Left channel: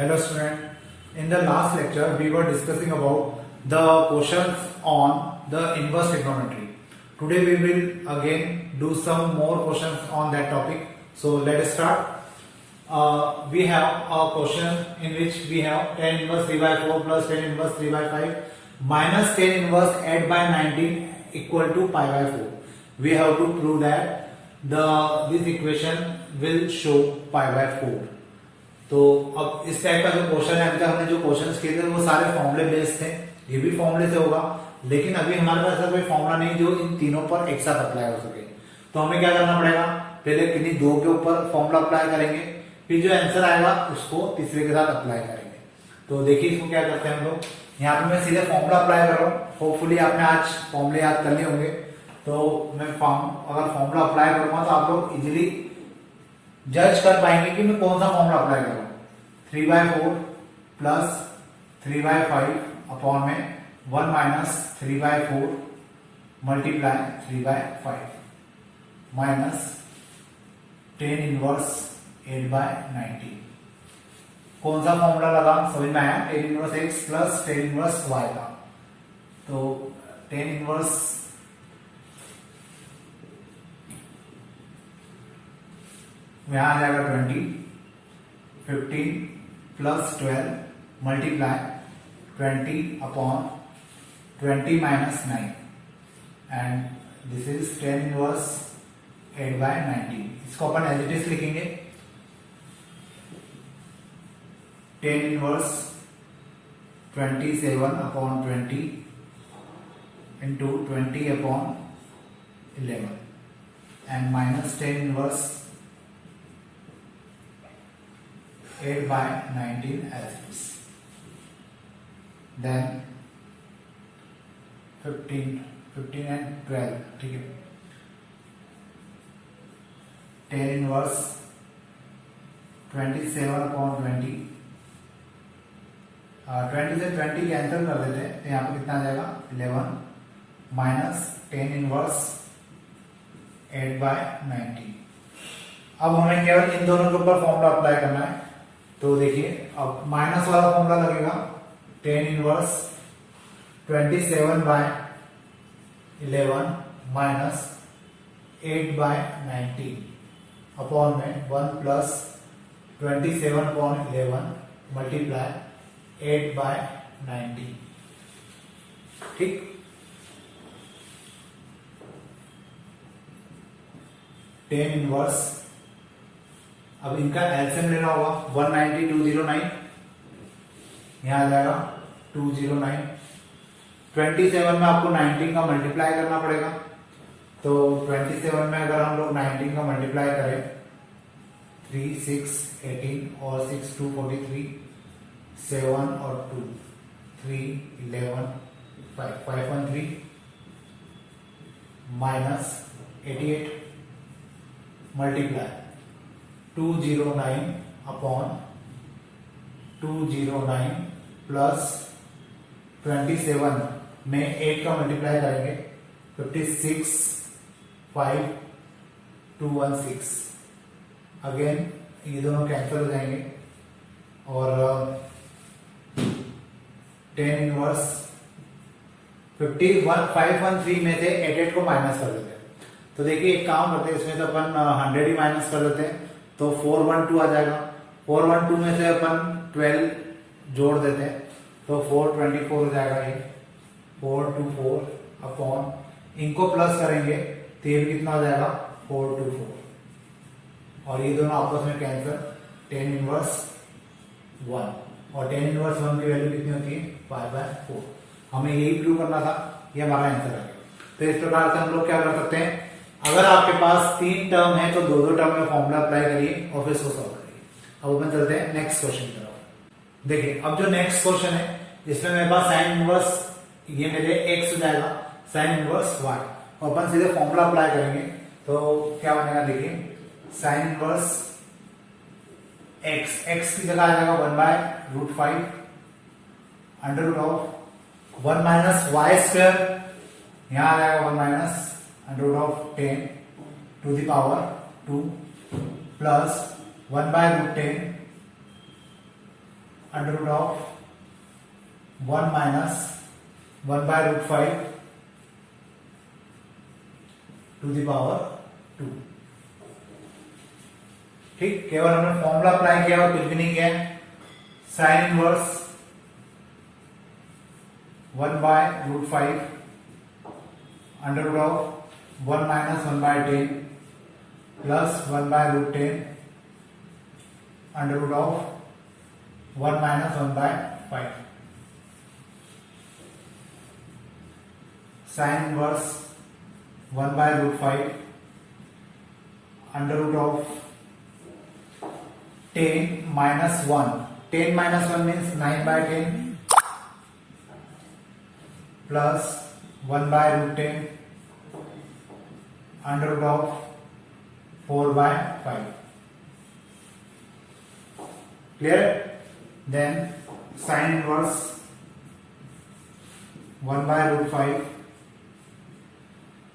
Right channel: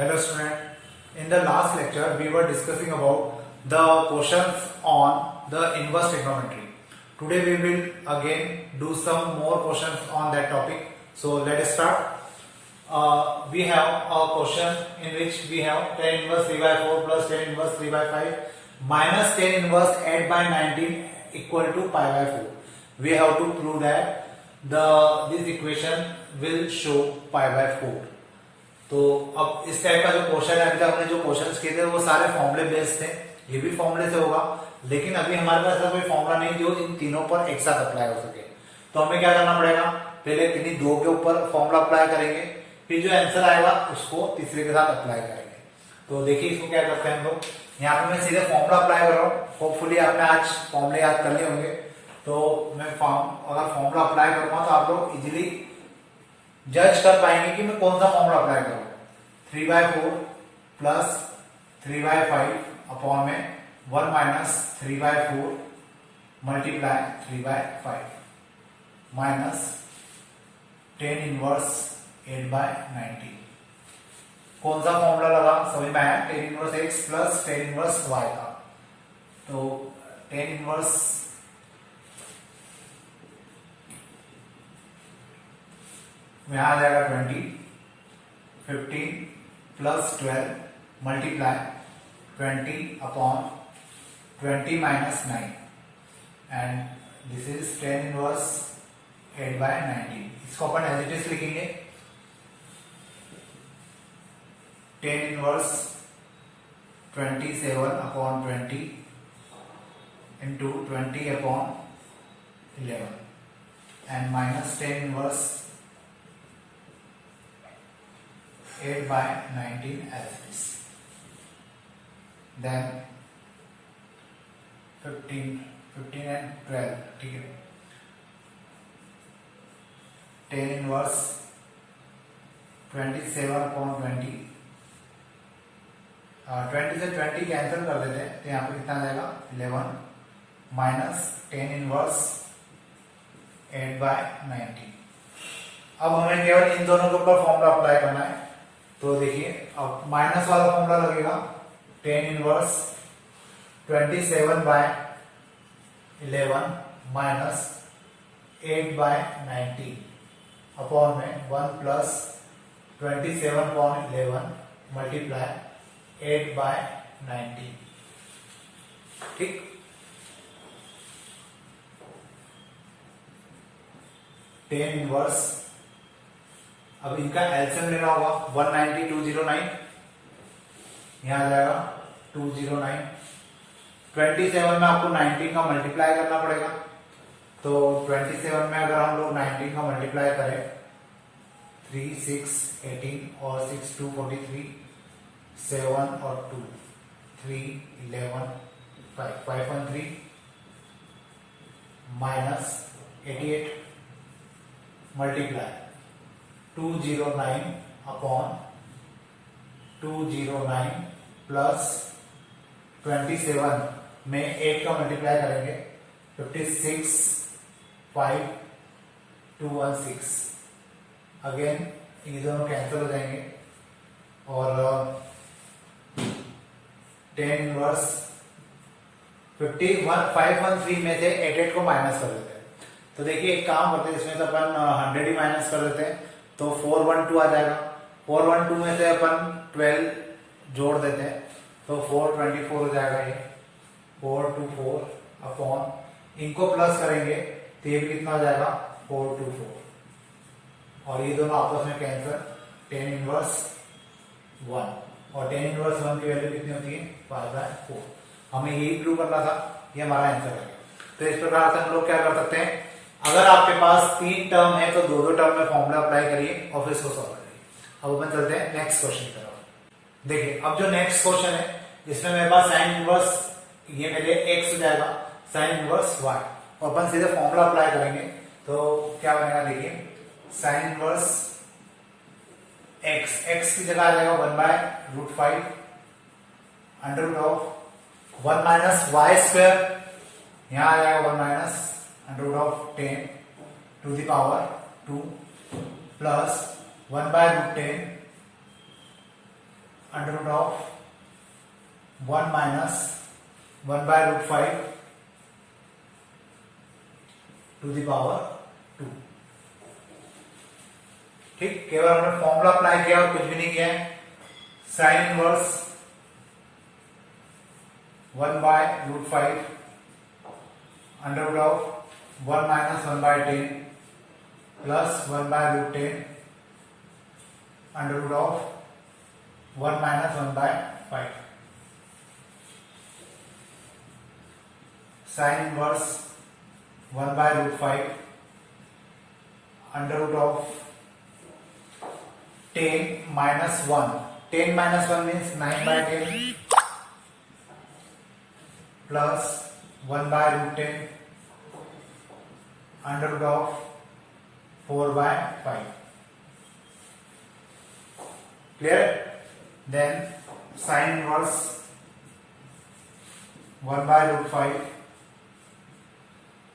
Hello student, in the last lecture we were discussing about the questions on the inverse trigonometry. Today we will again do some more questions on that topic. So let us start. We have a question in which we have tan inverse 3 by 4 plus tan inverse 3 by 5 minus tan inverse 8 by 19 equal to pi by 4. We have to prove that this equation will show pi by 4. तो अब इस type का जो question है, अभी तक हमने जो क्वेश्चंस किए थे वो सारे फॉर्मूले बेस्ड थे, ये भी फॉर्मूले से होगा, लेकिन अभी हमारे पास ऐसा कोई फॉर्मूला नहीं जो इन तीनों पर एक साथ अप्लाई हो सके। तो हमें क्या करना पड़ेगा, पहले किन्हीं दो के ऊपर फॉर्मूला अप्लाई करेंगे, फिर जो आंसर आएगा उसको तीसरे के साथ अप्लाई करेंगे। तो देखिए इसको क्या करते हैं हम लोग, यहाँ पे मैं सीधे फॉर्मूला अप्लाई कर रहा हूँ। होपफुली आपने आज फॉर्मूले याद कर लिए होंगे, तो मैं अगर फॉर्मूला अप्लाई करूंगा तो आप लोग इजिली जज कर पाएंगे कि मैं कौन सा फॉर्मूला अप्लाई करूं। 3 by 4 प्लस 3 by 5 अपॉन में 1 minus 3 by 4 multiply 3 by 5 minus tan inverse 8 by 19। कौन सा फॉर्मूला लगा समझ में आया, tan inverse x plus tan inverse y का। तो tan इनवर्स यहां आ जाएगा 20, 15 plus 12 multiply 20 upon 20 minus 9 and this is tan inverse 8 by 19। इसको अपन एज इट इज लिखेंगे, tan inverse 27 upon 20 into 20 upon 11 and minus tan inverse 8 by 19 as it is. Then 15 and 12, ठीक है। tan inverse 27 upon 20, 20 से 20 cancel कर देते हैं, तो यहाँ पर कितना आ जाएगा 11 माइनस tan इनवर्स 8 by 19। अब हमें केवल इन दोनों के ऊपर फॉर्मूला अप्लाई करना है। तो देखिए अब माइनस वाला फॉर्मूला लगेगा, tan inverse 27 by 11 minus 8 by 19 upon में 1 प्लस 27 अपॉन 11 मल्टीप्लाई 8 by 19। ठीक, tan इनवर्स, अब इनका एलसीएम लेना होगा 190 209, यहां आ जाएगा 209। 27 में आपको 19 का मल्टीप्लाई करना पड़ेगा, तो 27 में अगर हम लोग 19 का मल्टीप्लाई करें 3 6 18 और 6 2 43, 7 और 2 3 11 5 5 1 3 माइनस 88 मल्टीप्लाई 209 अपॉन 209 प्लस 27 में 8 का मल्टीप्लाई करेंगे 56 5 216। अगेन ये दोनों कैंसिल हो जाएंगे और tan इनवर्स 513 में से 88 को माइनस कर देते हैं। तो देखिए एक काम करते हैं, इसमें से अपन 100 ही माइनस कर देते हैं, तो 412 आ जाएगा। 412 में से अपन 12 जोड़ देते हैं, तो 424 हो जाएगा ये 424 अपॉन, इनको प्लस करेंगे तो ये भी कितना हो जाएगा 424, और ये दोनों आपस में कैंसिल, tan इनवर्स 1, और tan इनवर्स 1 की वैल्यू कितनी होती है 5/4। हमें यही प्रूव करना था, ये हमारा आंसर है। तो इस प्रकार से हम लोग क्या कर सकते हैं, अगर आपके पास 3 टर्म है तो 2 टर्म में फॉर्मूला अप्लाई करिए और फिर इसको सॉल्व करिए। अब अपन चलते हैं नेक्स्ट क्वेश्चन की तरफ। देखिए अब जो नेक्स्ट क्वेश्चन है, इसमें मेरे पास साइन इनवर्स, ये मेरे x हो जाएगा, साइन इनवर्स y, और अपन सीधे फॉर्मूला अप्लाई करेंगे तो क्या बनेगा, देखिए साइन इनवर्स x की जगह आ जाएगा 1/√5 under root of 1 minus y square, यहां आ जाएगा 1 minus under root of 10 to the power 2 plus 1/√10 under root of 1 minus 1 by root 5 to the power 2। ठीक, केवल हमने फॉर्मूला अप्लाई किया और कुछ भी नहीं किया। Sine inverse 1 by root 5 under root of 1 minus 1 by 10 plus 1 by root 10 under root of 1 minus 1 by 5। Sine inverse 1 by root 5 under root of 10 minus 1. 10 minus 1 means 9 by 10 plus 1 by root 10 under root of 4 by 5. Clear? Then sin inverse 1 by root 5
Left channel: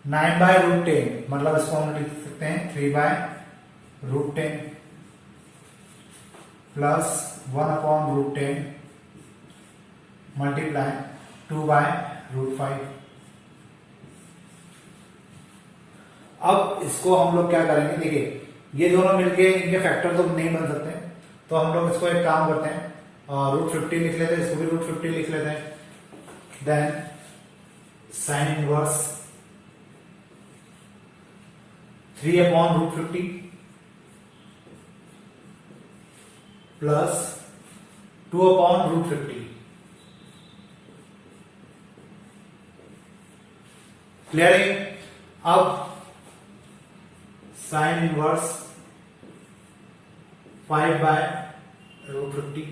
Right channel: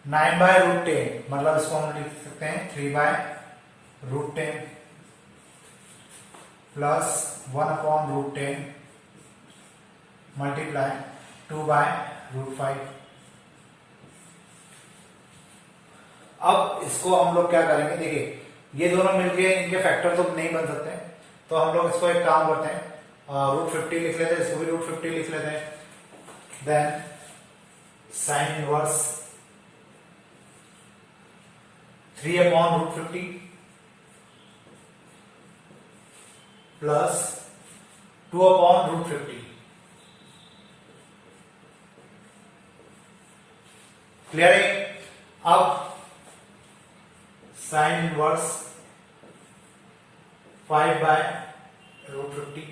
9 by root 10 मतलब इसको हम लिख सकते हैं 3 by root 10 plus 1 upon root 10 multiply 2 by root 5। अब इसको हम लोग क्या करेंगे, देखिए ये दोनों मिलके इनके फैक्टर तो नहीं बन सकते, तो हम लोग इसको एक काम करते हैं, रूट 50 लिख लेते हैं, इसको भी रूट 50 लिख लेते हैं। Then sine inverse 3 upon root 50 plus 2 upon root 50। Clear है? अब sine inverse 5 by root 50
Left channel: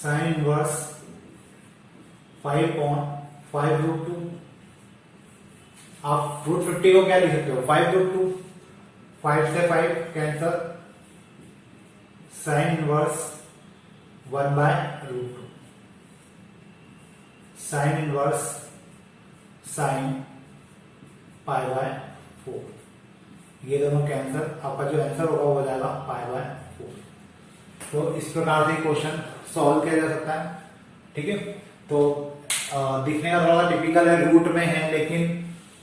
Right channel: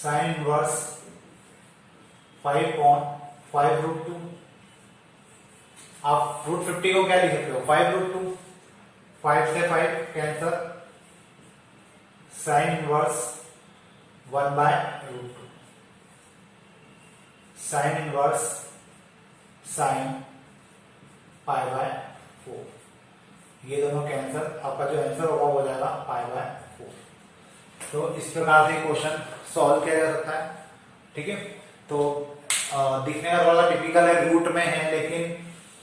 sine inverse 5 upon 5 root 2। आप रूट 50 को क्या लिख सकते हो, 5 रूट 2, 5 से 5 cancel, sine inverse 1 by root 2 sine inverse sine pi by 4। ये दोनों कैंसल, आपका जो आंसर होगा वो हो जाएगा पाई बाय 4। तो इस प्रकार से क्वेश्चन सॉल्व किया जा सकता है। ठीक है, तो दिखने का थोड़ा टिपिकल है, रूट में है, लेकिन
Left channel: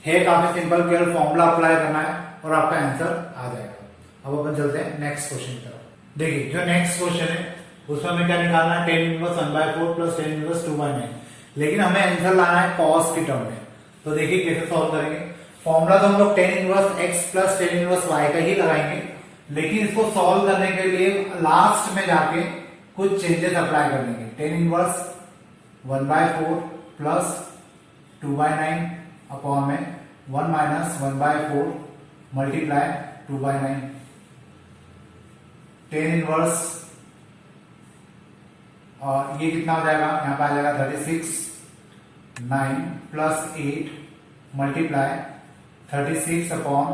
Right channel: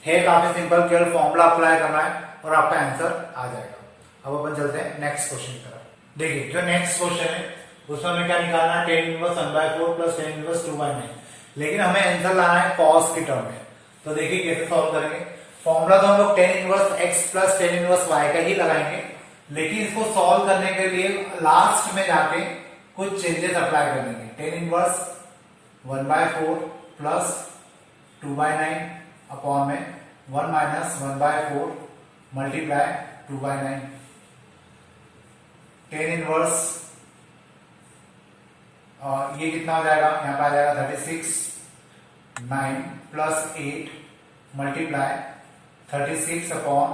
है काफी सिंपल, केवल फॉर्मूला अप्लाई करना है और आपका आंसर आ जाएगा। अब अपन चलते हैं नेक्स्ट क्वेश्चन की तरफ। देखिए जो नेक्स्ट क्वेश्चन है उसमें हमें क्या निकालना है, tan inverse 1/4 plus tan inverse 2/9, लेकिन हमें आंसर लाना है कॉस की टर्म में। तो देखिए कैसे सॉल्व करेंगे। फॉर्मूला तो हम लोग tan inverse x plus tan inverse y का ही लगाएंगे, लेकिन इसको सॉल्व करने के लिए लास्ट में जाके कुछ चेंजेस अप्लाई कर देंगे। tan इनवर्स 1/4 प्लस 2/9 अपॉन में 1 माइनस 1/4 मल्टीप्लाई 2/9। tan इनवर्स ये कितना हो जाएगा, यहां पर आ जाएगा 36 9 plus 8 multiply 36 upon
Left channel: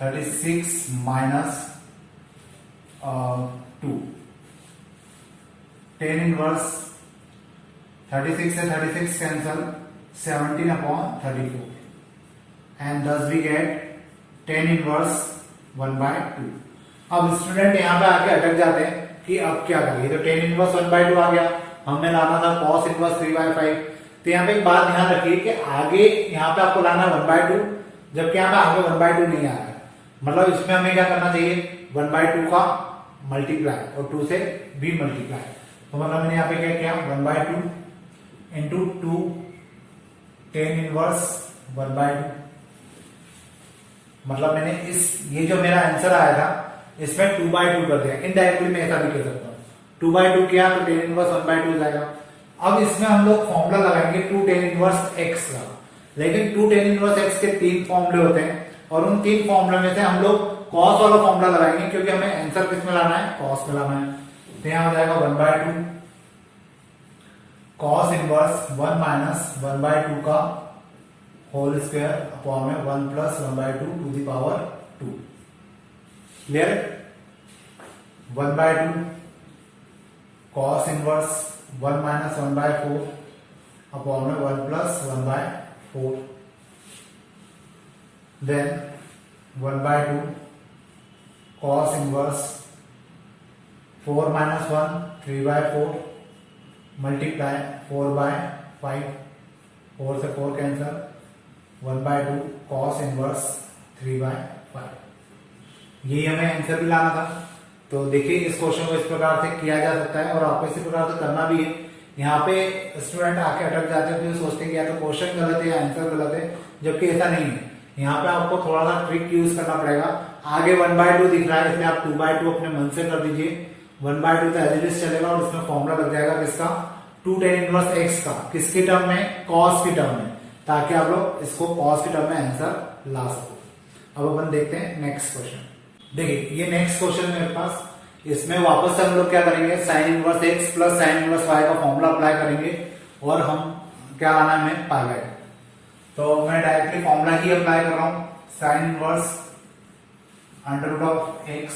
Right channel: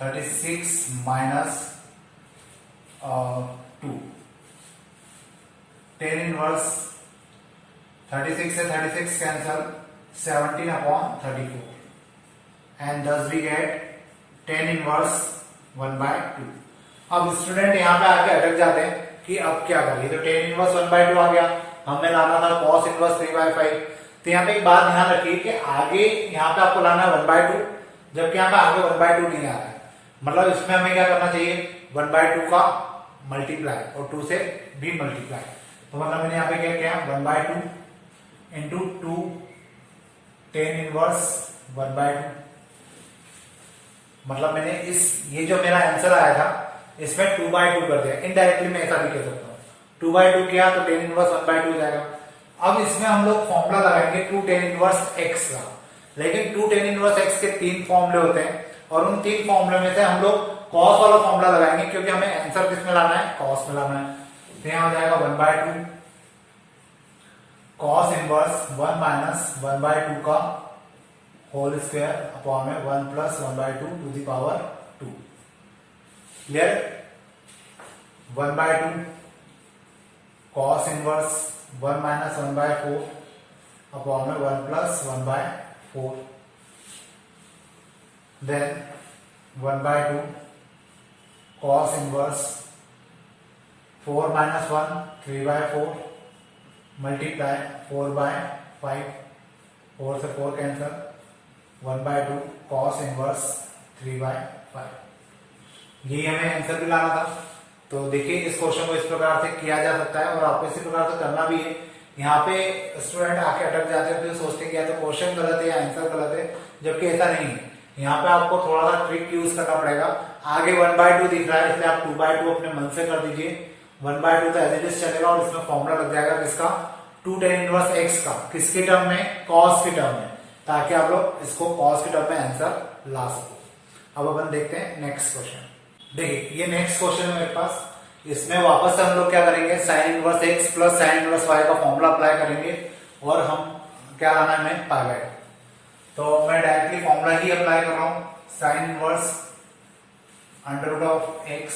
36 minus 2। tan inverse 36 से 36 cancel, 17 upon 34 and thus we get tan inverse 1/2। अब स्टूडेंट यहाँ पे आके अटक जाते हैं कि अब क्या करें, तो tan इनवर्स 1/2 आ गया, हमें लाना था cos इनवर्स 3/5। तो यहाँ पे एक बात ध्यान रखिए कि आगे यहाँ पे आपको लाना है 1/2, जबकि यहाँ पे आगे 1/2 नहीं आ रहा है, मतलब इसमें हमें क्या करना चाहिए, 1/2 का मल्टीप्लाई और 2 से भी मल्टीप्लाई। तो मतलब मैंने यहाँ पे क्या किया, 1/2 इंटू 2 tan इनवर्स 1/2, मतलब मैंने ये जो मेरा आंसर आया था इसमें 2/2 कर दिया। इनडायरेक्टली मैं ऐसा भी कर सकता हूँ, 2/2 किया तो tan इनवर्स 1/2 जाएगा। अब इसमें हम लोग फॉर्मूला लगाएंगे 2 tan इनवर्स x का, लेकिन 2 tan इनवर्स x के 3 फॉर्मूले होते हैं और उन 3 फॉर्मूले में से हम लोग cos वाला फॉर्मूला लगाएंगे, क्योंकि हमें आंसर किस में लाना है, cos में लाना है। तो यहां आ जाएगा 1/2 cos इनवर्स 1 माइनस 1/2 का होल स्क्वायर अपॉन में 1 plus 1/2 to the power 2। Clear? 1/2 cos inverse 1 minus 1/4 upon में 1 plus 1/4, then 1/2 cos inverse 4 minus 1 3/4 multiply 4/5 4 से 4 कैंसल 1/2 कॉस इनवर्स 3/5। यही हमें आंसर भी लाना था। तो देखिए इस क्वेश्चन को इस प्रकार से किया जा सकता है और आपको इसी प्रकार से करना भी है। यहाँ पे स्टूडेंट आके अटक जाते हैं, फिर सोचते हैं कि या तो क्वेश्चन गलत है या आंसर गलत है, जबकि ऐसा नहीं है। यहाँ पे आपको थोड़ा सा ट्रिक यूज करना पड़ेगा। आगे 1/2 दिख रहा है, इसलिए आप 2/2 अपने मन से कर दीजिए। 1/2 तो एज इट इज चलेगा और इसमें फॉर्मूला लग जाएगा किसका, 2 tan इनवर्स x का, किसकी टर्म में, कॉस की टर्म में, ताकि आप लोग इसको कॉस की टर्म में आंसर ला सको। अब अपन देखते हैं नेक्स्ट क्वेश्चन। देखिए ये नेक्स्ट क्वेश्चन है मेरे पास। इसमें वापस से हम लोग क्या करेंगे, sign inverse x plus sine inverse y का फॉर्मूला अप्लाई करेंगे और हम क्या लाना है हमें, पाई। तो मैं डायरेक्टली फॉर्मूला ही अप्लाई कर रहा हूं। Sine inverse √x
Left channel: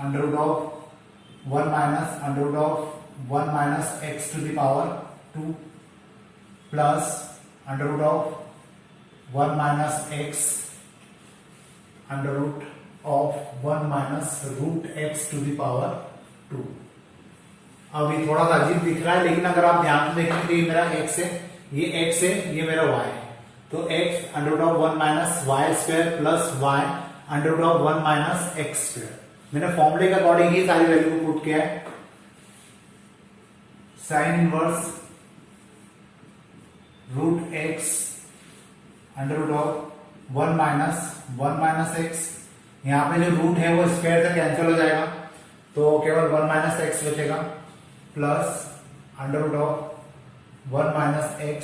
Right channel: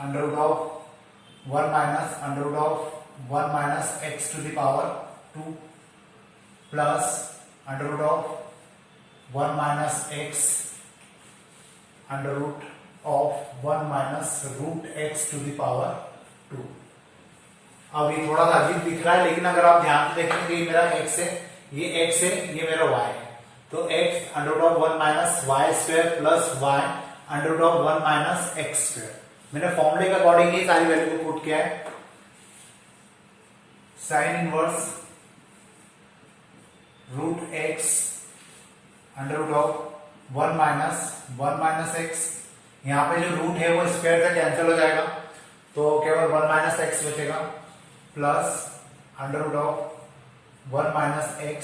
√1 minus √1 minus x to the power 2 plus √1 minus x √1 minus √x to the power 2। अब ये थोड़ा सा अजीब दिख रहा है, लेकिन अगर आप ध्यान से देखें तो ये मेरा x है, ये x है, ये मेरा y है। तो x √1 minus y square plus y √1 minus x square. मैंने फॉर्मूले के अकॉर्डिंग ही सारी वैल्यू को पुट किया है। Sign inverse √x √1 minus 1 minus x, यहाँ पे जो रूट है वो स्क्वायर से कैंसिल हो जाएगा, तो केवल 1 माइनस x बचेगा, plus √1 minus x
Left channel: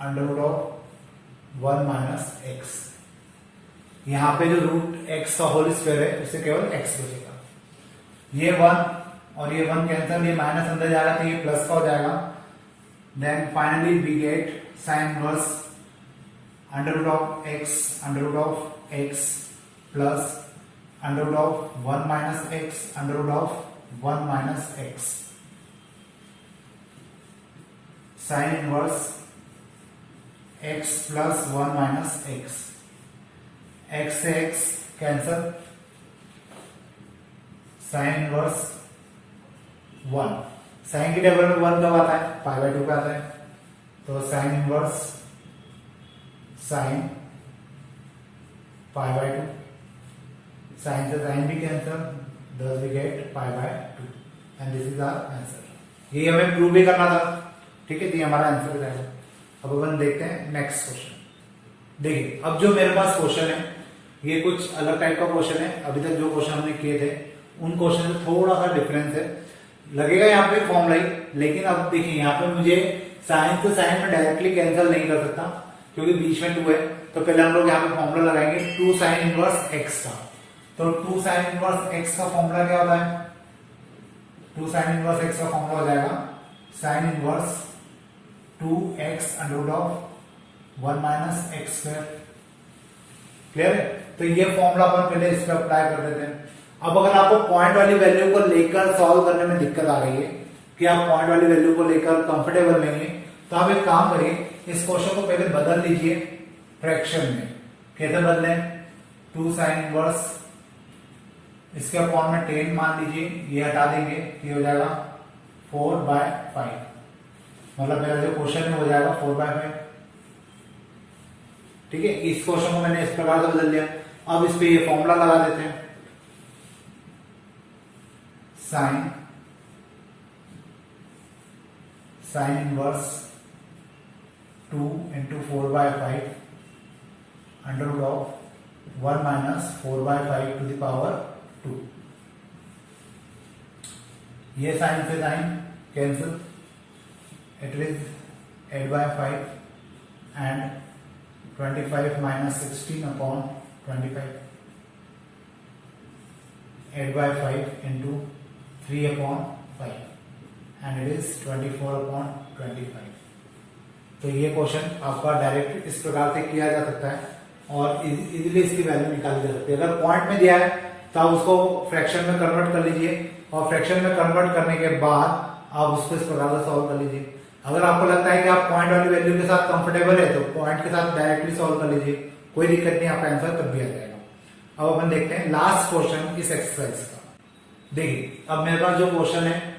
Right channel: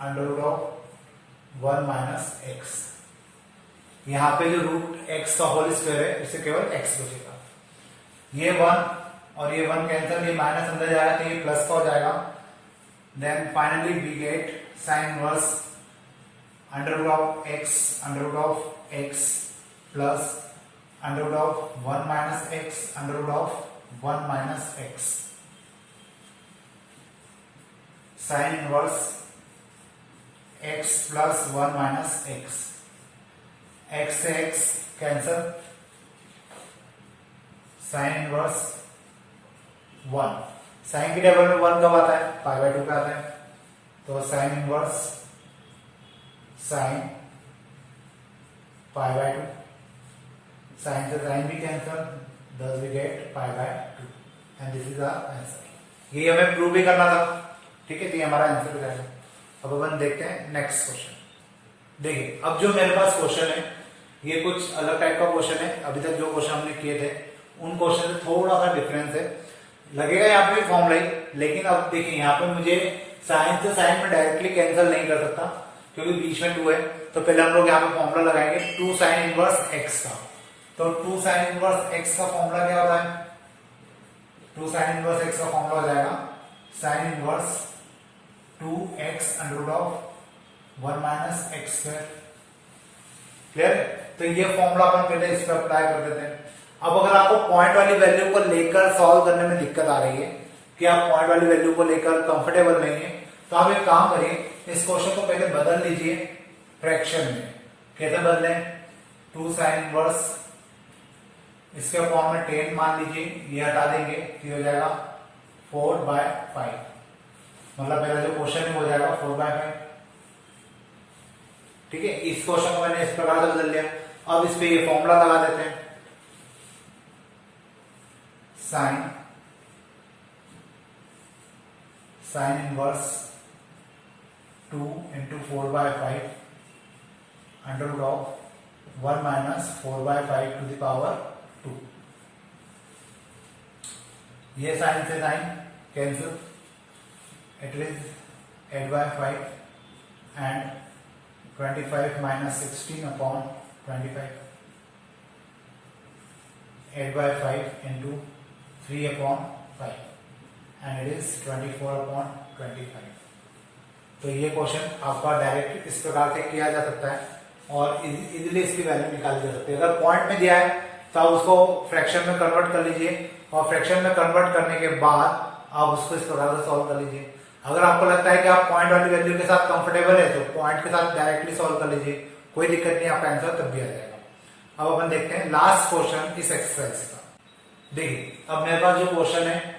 √1 minus x। यहाँ पे जो रूट x का होल स्क्वायर है उससे केवल x बचेगा। ये 1 और ये 1 कैंसिल, ये माइनस अंदर जाएगा तो ये प्लस का हो जाएगा। Then finally we get sine inverse √x plus √1 minus x √1 minus x। Sine inverse x plus 1 minus x, x से x cancel, sine inverse 1, sine की टेबल में 1 कब आता है, π/2 पे आता है। तो साइन इनवर्स साइन π/2, साइन से साइन भी cancel, thus we get π/2 and this is our answer. ये हमें प्रूव भी करना था, ठीक है, तो ये हमारा आंसर हो जाएगा। अब अपन देखते हैं नेक्स्ट क्वेश्चन। देखिए अब जो मेरे पास क्वेश्चन है ये कुछ अलग टाइप का क्वेश्चन है। अभी तक जो क्वेश्चन हमने किए थे उन क्वेश्चन से थोड़ा सा डिफरेंस है, लगेगा यहाँ पे फॉर्मूला ही, लेकिन अब देखिए यहाँ पे मुझे साइन से साइन में डायरेक्टली कैंसिल नहीं कर सकता क्योंकि बीच में 2 है। तो पहले हम लोग यहाँ पे फॉर्मूला लगाएंगे 2 साइन इनवर्स x का। तो 2 साइन इनवर्स x का फॉर्मूला क्या होता है, 2 साइन इनवर्स x का फॉर्मूला हो जाएगा sine inverse 2x √1 minus x square. Clear? तो ये फॉर्मूला अपन पहले इस पर अप्लाई कर देते हैं। अब अगर आपको पॉइंट वाली वैल्यू को लेकर सॉल्व करने में दिक्कत आ रही है कि आप पॉइंट वाली वैल्यू को लेकर कंफर्टेबल नहीं है, तो आप एक काम करिए, इस क्वेश्चन को पहले बदल लीजिए फ्रैक्शन में। कैसे बदलें, 2 साइन इनवर्स इसके अपॉन में 10 मान लीजिए, ये हटा देंगे, ये हो जाएगा 4/5। मतलब मेरा जो क्वेश्चन हो जाएगा 4/5। ठीक है, इस क्वेश्चन को मैंने इस प्रकार से बदल लिया। अब इस पे ये फॉर्मूला लगा देते हैं, sine inverse 2 into 4/5 √1 minus 4/5 to the power 2। ये साइन से sine cancel, it is 8/5 and 25 minus 16 upon 25, 8/5 into 3 upon 5 and it is 24 upon 25। तो ये क्वेश्चन आपका डायरेक्ट इस प्रकार से किया जा सकता है और इजीली इसकी वैल्यू निकाली जा सकती है। अगर पॉइंट में दिया है तो आप उसको फ्रैक्शन में कन्वर्ट कर लीजिए और फ्रैक्शन में कन्वर्ट करने के बाद आप उसको इस प्रकार से सॉल्व कर लीजिए। अगर आपको लगता है कि आप पॉइंट वाली वैल्यू के साथ कंफर्टेबल है तो पॉइंट के साथ डायरेक्टली सॉल्व कर लीजिए, कोई दिक्कत नहीं, आपका आंसर तब भी आ जाएगा। अब अपन देखते हैं लास्ट क्वेश्चन इस एक्सरसाइज का। देखिए अब मेरे पास जो क्वेश्चन है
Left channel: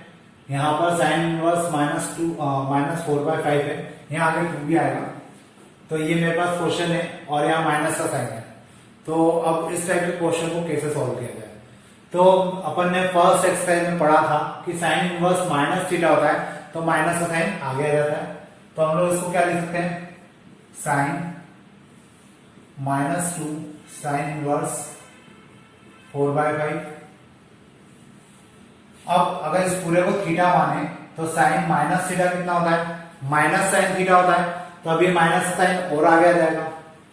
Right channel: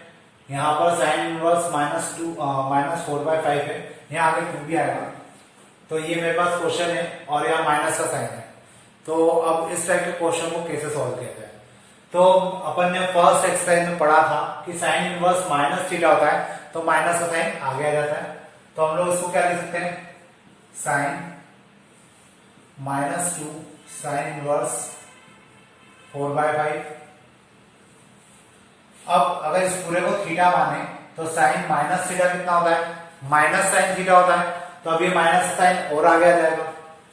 यहाँ पर साइन इनवर्स -4/5 है, यहाँ आगे 2 भी आएगा, तो ये मेरे पास क्वेश्चन है और यहाँ माइनस का साइन है। तो अब इस टाइप के क्वेश्चन को कैसे सॉल्व किया जाए? तो अपन ने फर्स्ट एक्सरसाइज में पढ़ा था कि साइन इनवर्स -थीटा होता है, तो माइनस का साइन आगे आ जाता है। तो हम लोग इसको क्या लिख सकते हैं, साइन -2 साइन इनवर्स 4/5। अब अगर इस पूरे को थीटा माने तो साइन माइनस थीटा कितना होता है, माइनस साइन थीटा होता है। तो अब ये माइनस साइन और आगे आ जाएगा,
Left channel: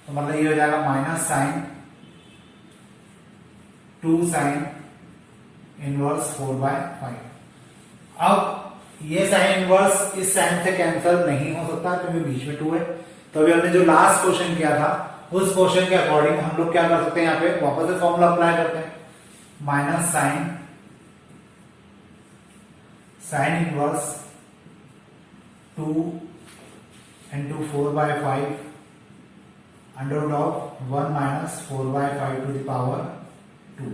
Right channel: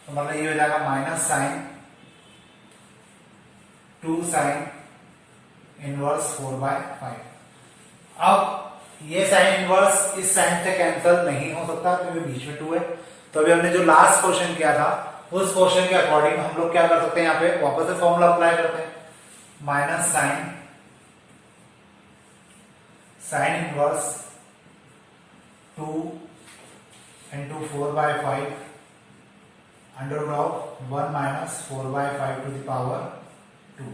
तो मतलब ये हो जाएगा माइनस साइन 2 साइन इनवर्स 4/5। अब ये साइन इनवर्स इस साइन से कैंसिल नहीं हो सकता क्योंकि बीच में 2 है। तो अभी हमने जो लास्ट क्वेश्चन किया था उस क्वेश्चन के अकॉर्डिंग हम लोग क्या कर सकते हैं, यहाँ पे वापस से फॉर्मूला अप्लाई करते हैं, minus sine inverse 2 into 4/5 under root of 1 minus 4/5 to the power 2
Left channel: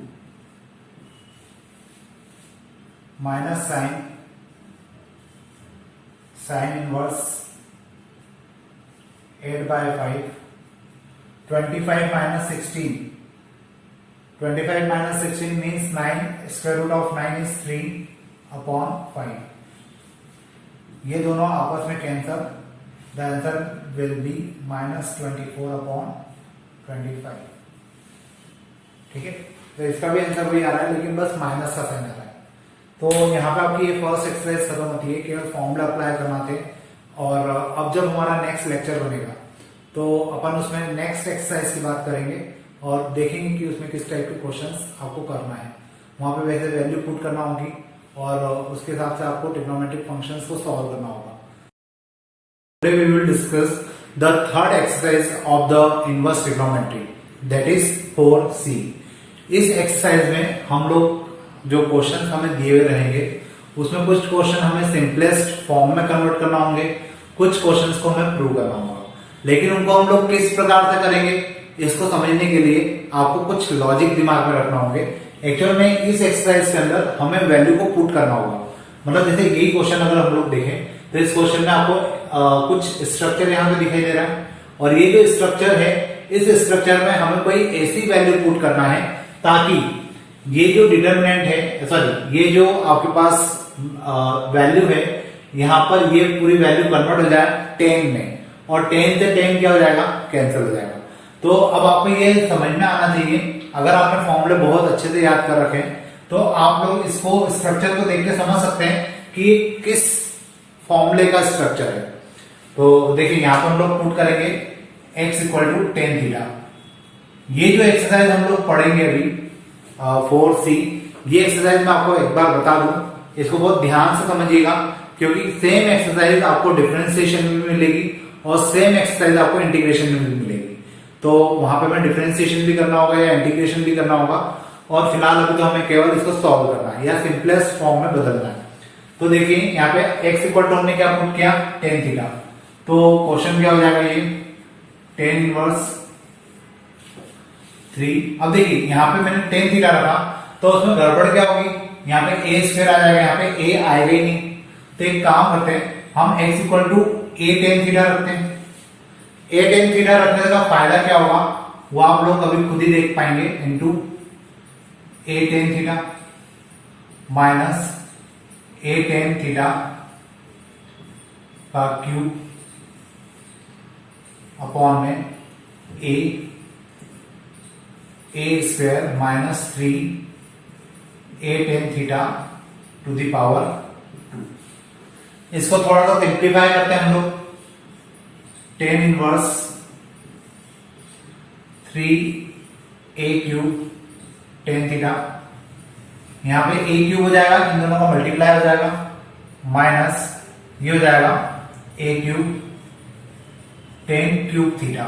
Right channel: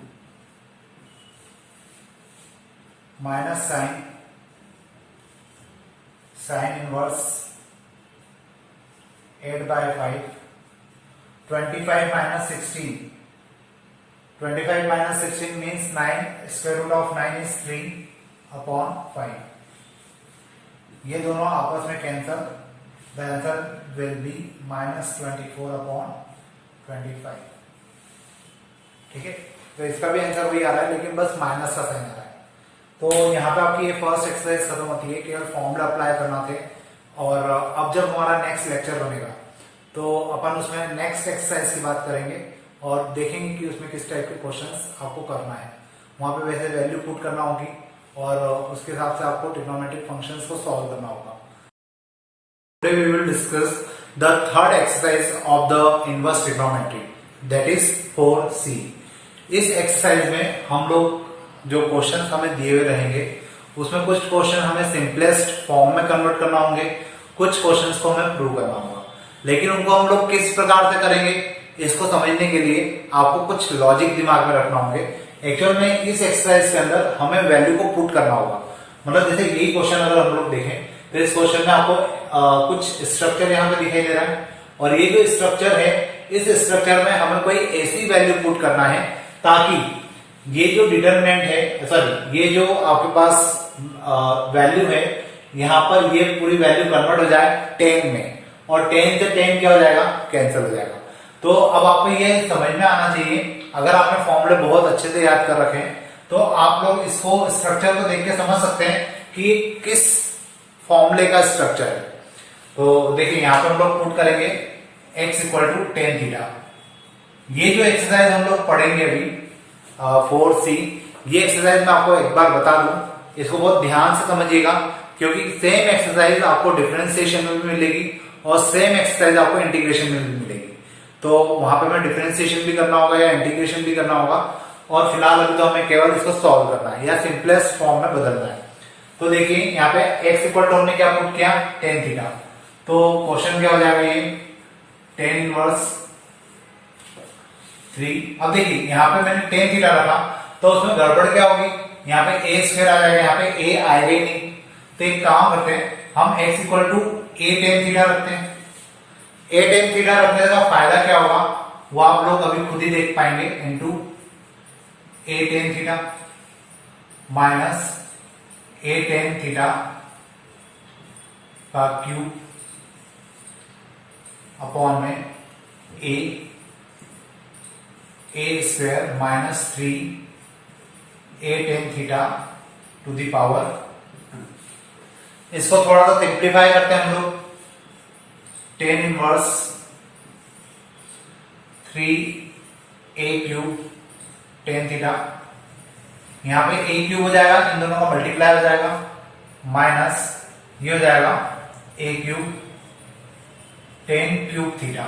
minus sin inverse 8/5 25 minus 16 25 minus 16 means 9 square root of 9 is 3/5। ये दोनों आपस में cancel, the answer will be -24/25। ठीक है, तो इसका भी आंसर वही आ रहा है लेकिन बस माइनस का साइन आ रहा है। तो यहाँ पे आपकी ये फर्स्ट एक्सरसाइज खत्म होती है, केवल फॉर्मूला अप्लाई करना थे। और अब जब हमारा नेक्स्ट लेक्चर बनेगा तो अपन उसमें नेक्स्ट एक्सरसाइज की बात करेंगे और देखेंगे कि उसमें किस टाइप के क्वेश्चंस आपको करना है। वहां पे वैसे वैल्यू पुट करना होगी और उसके हिसाब से आपको ट्रिग्नोमेट्रिक फंक्शंस को सॉल्व करना होगा। Today we will discuss the third exercise of the inverse trigonometry, that is 4C। इस एक्सरसाइज में हम लोग जो क्वेश्चन हमें दिए हुए रहेंगे उसमें कुछ क्वेश्चन हमें सिंपलेस्ट फॉर्म में कन्वर्ट करना होंगे, कुछ क्वेश्चंस को हमें प्रूव करना होगा। लेकिन उनको हम लोग किस प्रकार से करेंगे इसको समझने के लिए आपको कुछ लॉजिक दिमाग में रखना होंगे। एक्चुअल में इस एक्सरसाइज के अंदर हमें वैल्यू को पुट करना होगा। मतलब जैसे यही क्वेश्चन अगर हम लोग देखें तो इस क्वेश्चन में आपको कुछ स्ट्रक्चर यहाँ पे दिखाई दे रहा है और ये जो स्ट्रक्चर है इस स्ट्रक्चर में हमें कोई ऐसी वैल्यू पुट करना है ताकि ये जो डिटरमिनेंट है, सॉरी ये जो आपके पास वैल्यू है यहाँ पर ये पूरी वैल्यू कन्वर्ट हो जाए 10 में और 10 से 10 क्या हो जाएगा, कैंसिल हो जाएगा। तो अब आपको ये समझ में आना चाहिए, अगर आपने फॉर्मूले बहुत अच्छे से याद कर रखे हैं तो आप लोग इसको स्ट्रक्चर को देख के समझ सकते हैं कि किस फॉर्मूले का स्ट्रक्चर है। तो देखिए यहाँ पर हम लोग प्रूव करेंगे x equal to tan theta. ये जो एक्सरसाइज हम लोग पढ़ेंगे अभी 4C, ये एक्सरसाइज मैं आपको एक बार बता दूं, इसको बहुत ध्यान से समझिएगा क्योंकि सेम एक्सरसाइज आपको डिफरेंशिएशन में भी मिलेगी और सेम एक्सरसाइज आपको इंटीग्रेशन में भी मिलेगी। तो वहां पे हमें डिफरेंशिएशन भी करना होगा या इंटीग्रेशन भी करना होगा और फिलहाल अभी तो हमें केवल इसको सॉल्व करना है या सिंपलेस्ट फॉर्म में बदलना है। तो देखिए यहाँ पे x इक्वल टू हमने क्या पुट किया, टेन थीटा। तो क्वेश्चन क्या हो जाएगा, ये टेन इनवर्स 3। अब देखिए यहाँ पे मैंने टेन थीटा रखा तो उसमें गड़बड़ क्या होगी, यहाँ पे a स्क्वायर आ जाएगा, यहाँ पे a आएगा ही नहीं। तो एक काम करते हैं, हम x equal to a tan theta रखते हैं। a टेन थीटा रखने का फायदा क्या होगा वो आप लोग अभी खुद ही देख पाएंगे, into a tan theta minus a tan theta का क्यूब अपॉन में a square minus 3 a tan theta two the power 2। इसको थोड़ा सा सिंप्लीफाई करते हैं हम लोग, tan inverse 3a cube tan theta, यहाँ पे a क्यूब हो जाएगा, इन दोनों का मल्टीप्लाई हो जाएगा, माइनस ये हो जाएगा a cube ten cube theta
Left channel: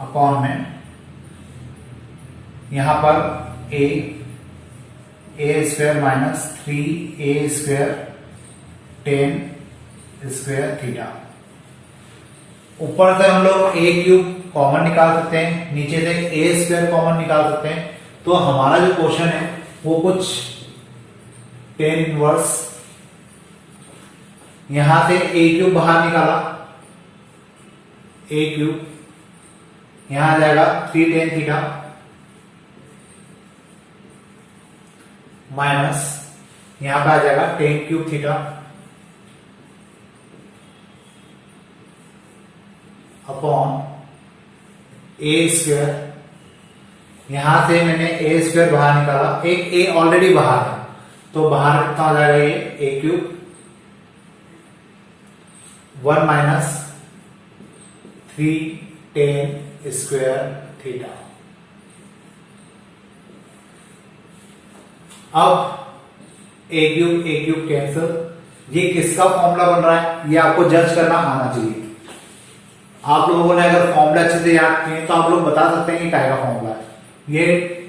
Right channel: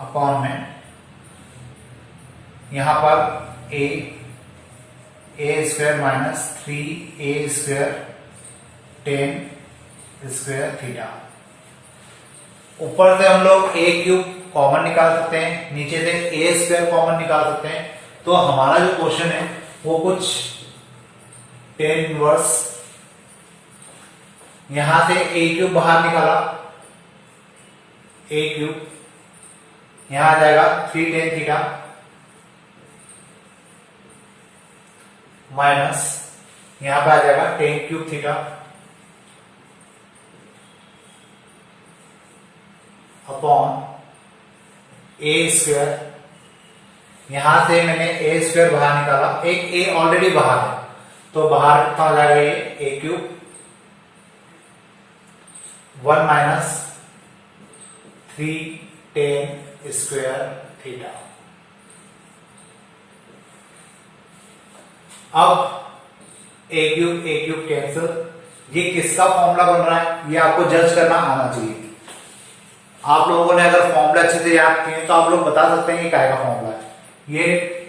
upon में यहां पर a square minus 3a square ten square theta. ऊपर से हम लोग a क्यूब कॉमन निकाल सकते हैं, नीचे से a स्क्वायर कॉमन निकाल सकते हैं। तो हमारा जो क्वेश्चन है वो कुछ टेन इनवर्स, यहां से ए क्यूब बाहर निकाला, ए क्यूब यहां आ जाएगा 3 टेन थीटा माइनस यहां पे आ जाएगा टेन क्यूब थीटा अपॉन ए स्क्वायर। यहां से मैंने ए स्क्वायर बाहर निकाला, एक ए ऑलरेडी बाहर है तो बाहर कितना हो जाएगा ये A cube 1 minus 3 tan square theta. अब ए क्यूब कैंसिल, ये किसका फॉर्मूला बन रहा है ये आपको जज करना आना चाहिए। आप लोगों ने अगर फॉर्मूला अच्छे से याद किए तो आप लोग बता सकते हैं कि क्या का फॉर्मूला है। ये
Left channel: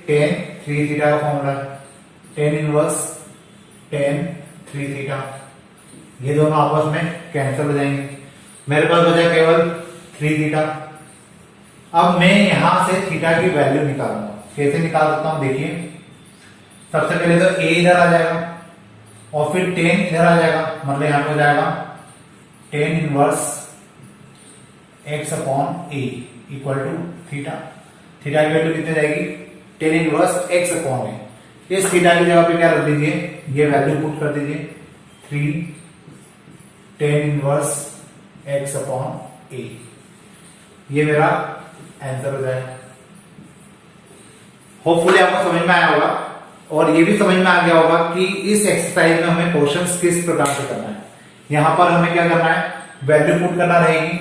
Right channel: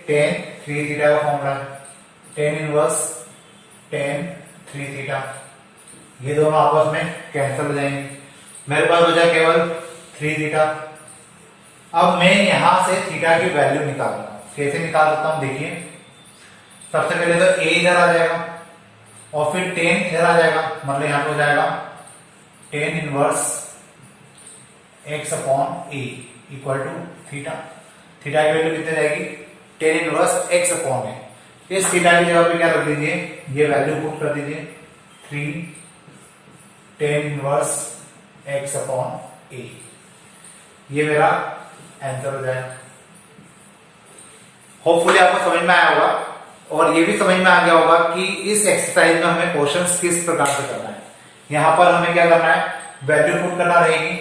टेन 3 थीटा का फॉर्मूला है, टेन इनवर्स टेन 3 थीटा, ये दोनों आपस में कैंसिल हो जाएंगे, मेरे पास बचा केवल 3 थीटा। अब मैं यहां से थीटा की वैल्यू निकालूंगा, कैसे निकाल सकता हूं देखिए। सबसे पहले तो ए इधर आ जाएगा और फिर टेन इधर आ जाएगा, मतलब यहां पे हो जाएगा tan inverse x upon a equal to theta. Theta की वैल्यू कितनी जाएगी tan inverse x upon a. इस थीटा की जगह पे क्या रख दीजिए, ये वैल्यू पुट कर दीजिए 3 टेन इनवर्स एक्स अपॉन ए, ये मेरा आंसर हो जाएगा। होपफुली आपको समझ में आया होगा और ये भी समझ में आ गया होगा कि इस एक्सरसाइज में हमें क्वेश्चन किस प्रकार से करना है। यहां पर हमें क्या करना है, वैल्यू पुट करना रहेगी,